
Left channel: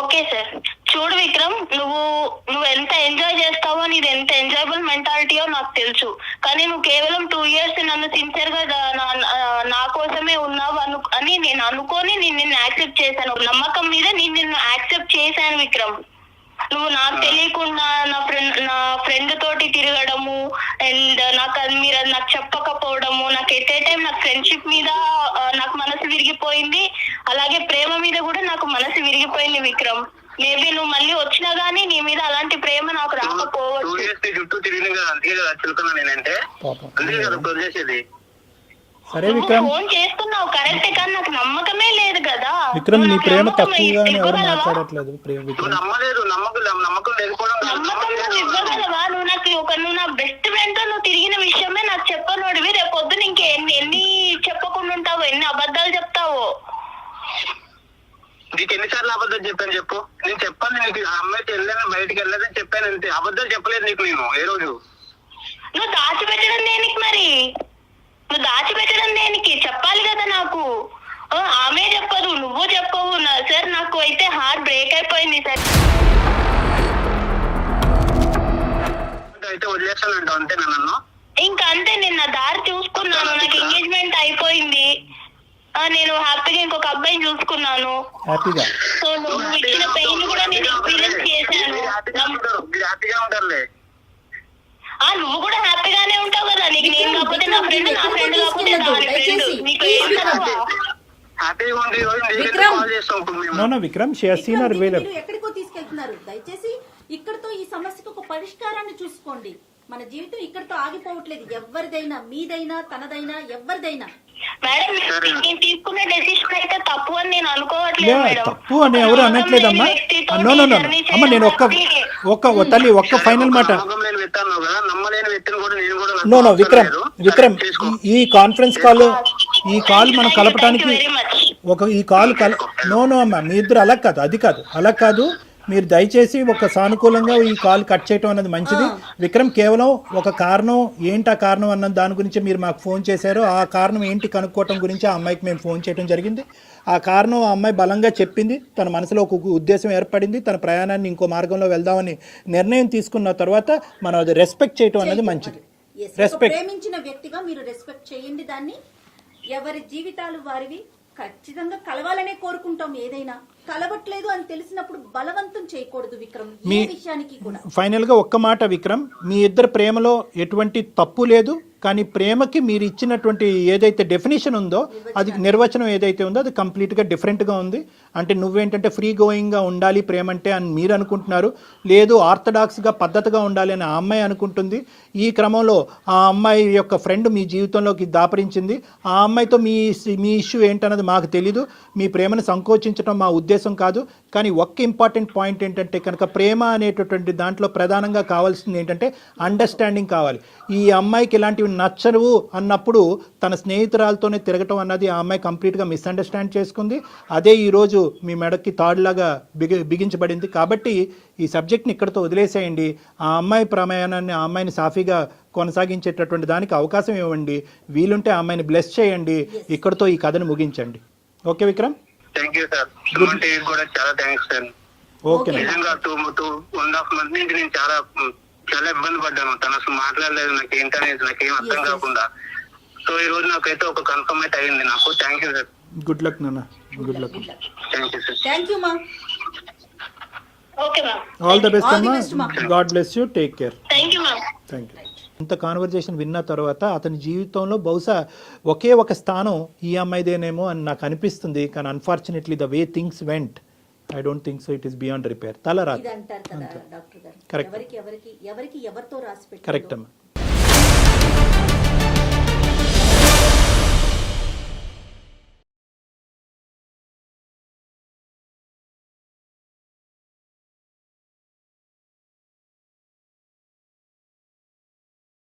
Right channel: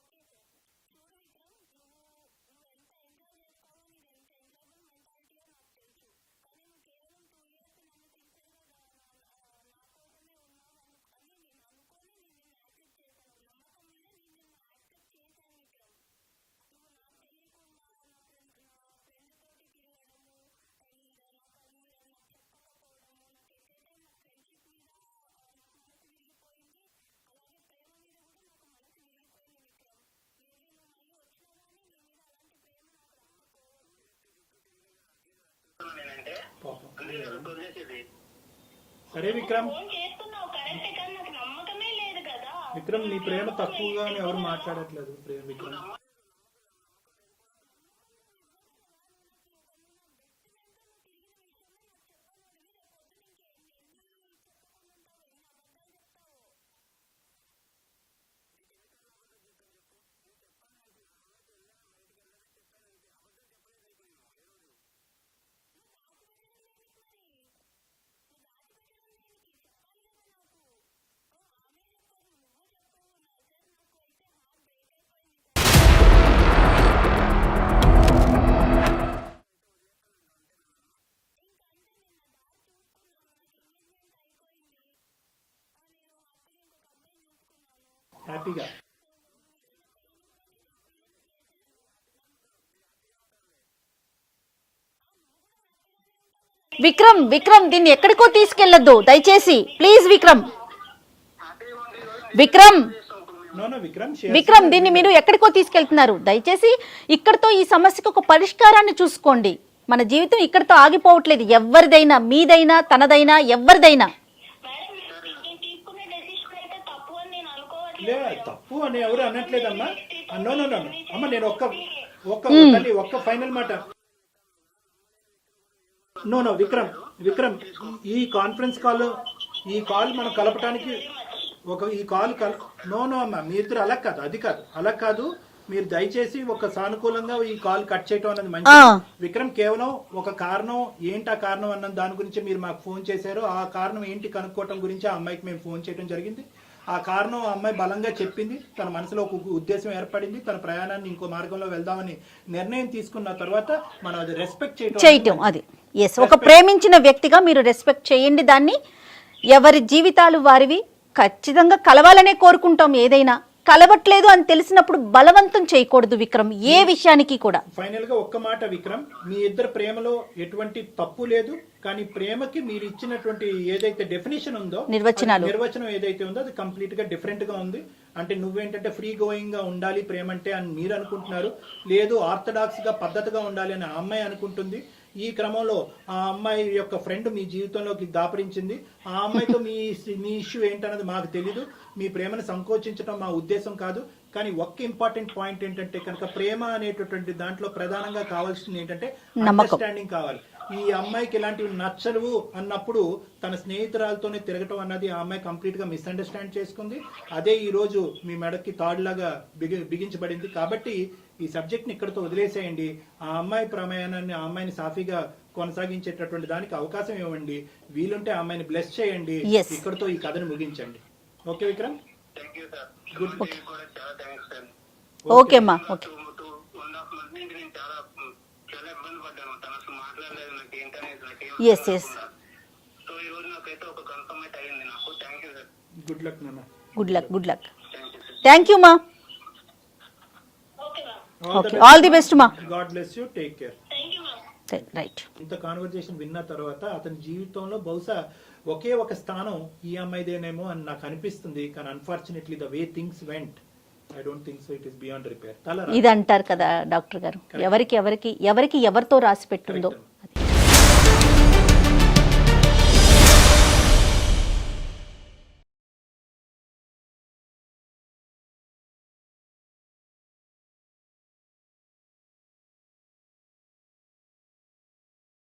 Okay sir. చూడు విక్రమ్, నువ్వు ఎంత ఎంజాయ్ చేస్తావో, నీది ఎంత ఎంజాయబుల్ మెంటాలిటీయో నాకు తెలుసు. కానీ నువ్వు కేవలం 2 years నన్ను సిన్సియర్ గా నా కోసమే ఉన్నావు అని నేను అనుకొని నిన్ను యాక్సెప్ట్ చేశాను. నమ్మకం మీద నిన్ను యాక్సెప్ట్ చేశాను విక్రమ్. నువ్వు నాకు తెలియకుండా నా ఫ్రెండ్ తోటి తిరగడము అండ్ మీరు నాకు చెప్పకపోవడము, నాకు ఎట్ ఏ టైం నాకు ఫ్రెండ్షిప్ మీద నాకు మనసు విరిగిపోయింది, అలాగే ప్రేమ మీద కూడా నాకు మనసు విరిగిపోయింది విక్రమ్. మేబీ నువ్వు మళ్ళీ వచ్చినా గానీ నీ మీద అలాంటి ప్రేమ నాకు రాకపోవచ్చు. చుట్టూ తిరిగిన కదా, అందుకే కదా చులుకున్నా నేనంటే, అందుకే కదా వదిలేసేది. సరే విక్రమ్, ఫోన్ చేస్తున్నావు కరెక్టే, కానీ నాకు నమ్మకమే లేదు కదా. విక్రమ్ నీ ప్రేమ తక్కువగా ఎవరు మాట్లాడట్లేదు. నమ్మలేదు, నమ్మకం లేకపోవడం. నమ్మకం నువ్వు ఇవ్వగలవా? నువ్వు నా బెస్ట్ ఫ్రెండ్ తో నువ్వు తిరిగిన విషయమే నాకు చెప్పనోడివి. రేపు పొద్దున ఇంకెన్ని చెప్పకుండా ఉంటావు, ఎన్ని అబద్ధాలు చెప్తావో. నీకు ఎన్నిసార్లు అబద్ధాలు అబద్ధాలు చెప్పలేదు నీకు నేను ఏ రోజు. నువ్వు దాచిపెట్టడం దేనికి మరి? నువ్వు దాచిపెట్టడం దేనికి? చెప్పాలి కదా నాకు. ఆమె చెప్పదు, నువ్వు చెప్పవు. సార్ నాకు అయితే హార్ట్ బ్రేక్ అయిపోయింది సార్. అయితే వదిలేస్తానంట అంతేనా నన్ను? ఇంకా అంతే, నేను నా దారి చూసుకున్నాను. నాకు ఎంగేజ్మెంట్ అయిపోయింది. నేను హ్యాపీగా ఇంకొక అబ్బాయిని చూసుకున్నాను. హ్యాపీగా సో నువ్వు ఇచ్చిన పెయిన్ కూడా నేను ఎక్స్పీరియన్స్ చేశాను. మీరు హ్యాపీగా ఉంటారులే. నువ్వు కూడా హ్యాపీగానే ఉంటావు కదా. విక్రమ్ దీన్ని ఎక్కడికో తీసుకెళ్లొద్దు దయచేసి, ప్లీజ్ విక్రమ్. హ్యాపీగా ఉండి విక్రమ్. విక్రమ్ దీన్ని మీరు ఎక్కడికో తీసుకెళ్తున్నారు. దయచేసి ఇక్కడితో ఈ సమస్యకు ఒక పరిష్కారాన్ని చూసుకోండి. మన జీవితం ఇక్కడితో ఆగిపోవట్లేదు. ఎవరిదైనా, మీదైనా, తనదైనా, ఎవరిదైనా. మేడం నేను తీసుకునే డెసిషన్ అయితే తప్పు అని నేను అనుకోవట్లేదు మేడం. తప్పు అని ఎవరు అనట్లేదమ్మా. నో అమ్మ, నేను ఒక్క తల్లి ఒక్క ఫైనల్ మాట. నమ్మలేని వ్యక్తి అన్నావు కదా, నమ్మలేని వ్యక్తిని కూడా నేను కూడా నో విక్రమ్ ఈ కాన్ఫరెన్స్ కాల్ మనం కలపడానికి ఈ కాల్ నో అమ్మా, మీ ఇద్దరు అలా కాదు. మీరు దయచేసి ఒక సానుకూలంగా ఈ కాల్ కట్ చేయటం అన్నది మంచిది. విక్రమ్ కేవలం ఒక కారణం ఏంటి, ఆ కారణం అన్న దాని గురించి మీరు మాకు ఫోన్ చేశారు. ఆ కారణం ఏంటి కనుక్కోవటం గురించి ఆ అమ్మాయికి మేము ఫోన్ చేయడం జరిగింది. ఆ కారణం ఆ అమ్మాయి బలంగా చెప్పింది. తన మనసులో ఒక ఉద్దేశం ఏర్పడింది. తన ప్రయాణాన్ని ఇంకో మార్గంలో వెళ్దామని నిర్ణయం తీసుకున్న తర్వాత మనం అది రెస్పెక్ట్ చేయటం అది ఒక ప్రేమించిన వ్యక్తిగా మీరు రెస్పెక్ట్ చేయండి దాన్ని. ఎవరి జీవితాలు వారివి. ఖచ్చితంగా కలవాలనే కోరుకుంటాం. ఏదైనా కలవట్లేదు అని తెలిసినప్పుడు బలవంతం చేయకూడదు విక్రమ్, ఏ విషయానికి కూడా. ఫైనల్ గా ఒక్క మాట విక్రమ్, మీ ఇద్దరు ప్రేమలో ఎటువంటి తప్పు లేదు. కానీ ప్రేమకి మీరు ఇచ్చినటువంటి ఏదైతే డెఫినేషన్ ఉందో, నిర్వచనం ఏదైతే ఉందో అది కంప్లీట్ గా డిఫరెంట్ గా ఉంది. అంటే నువ్వేంటంటే ఫ్రీ గోయింగ్ గా ఉండాలి ప్రేమ అంటే అని మీరు అనుకుంటున్నారు. లేదు ఆర్థడాక్స్ గా పద్ధతిగా ఉండాలి అని ఆ అమ్మాయి అనుకుంటుంది. ఈ క్రమంలో ఆ అమ్మాయి యొక్క ఫ్రెండ్ మీ జీవితంలోకి దాపరించింది. ఆ అమ్మాయితో మీ ఇష్యూ ఏంటన్నది మాకు తెలీదు. మీ ప్రేమను సంకోచించడం మా ఉద్దేశం కాదు. కానీ ఒక్క ఇంపార్టెంట్ పాయింట్ ఏంటంటే కనుక ప్రేమ అనేటటువంటి దాంట్లో ప్రధానంగా కావాల్సింది ఏంటంటే అండర్స్టాండింగ్ కావాలి. ఈ అమ్మాయికి ఇలాంటివి నచ్చవు అన్నప్పుడు తన స్నేహితురాలతోనే తిరగటం అన్నది ఆ అమ్మాయి కంప్లీట్గా మిస్అండర్స్టాండ్ చేసుకుంది. అదే ఈరోజు మీ మెడకి తాడులాగా బిగించబడింది. కాబట్టి ఈ సబ్జెక్ట్ని ఇక్కడితో వదిలేసేయండి. ఆ అమ్మాయి ప్రయాణాన్ని, ఆ అమ్మాయిని సాఫీగా కొనసాగించేటటువంటి దానికి అవకాశం ఇవ్వండి. వీలుంటే ఆ అమ్మాయిని బ్లెస్ చేయండి. ఇక్కడితో ఈ కథను ముగించండి. Okay Vikram? Thank you sir. కూడా చాలా థ్యాంక్స్ సార్. ఓకే 2.5 months నుంచి నేను చాలా ఇబ్బంది పడ్డాను. తను అసలు మాట్లాడలేదు, నాకేం అర్థం కాకుండా. సో ఈ రోజు నాకైతే ఒక కన్ఫర్మ్ అయితే అయింది నాకు. Thank you sir. Good luck నాన్న. Good luck. Thank you sir. Thank you మా. Okay ma'am. All the best మా. God bless you. Take care. Thank you ma'am. Right. ఇంత కాన్వర్జేషన్ విన్న తర్వాత అతని జీవితంలో బహుశా ఒకే ఒక స్థానం ఈ అమ్మాయిదేనేమో అని నాకు అనిపిస్తుంది. కానీ unfortunately the way things vent, I don't think so it is beyond repair. ఇది అంటారు కదా డాక్టర్ గారు, ఎవరికి ఎవరితో రాసి పెట్టిందో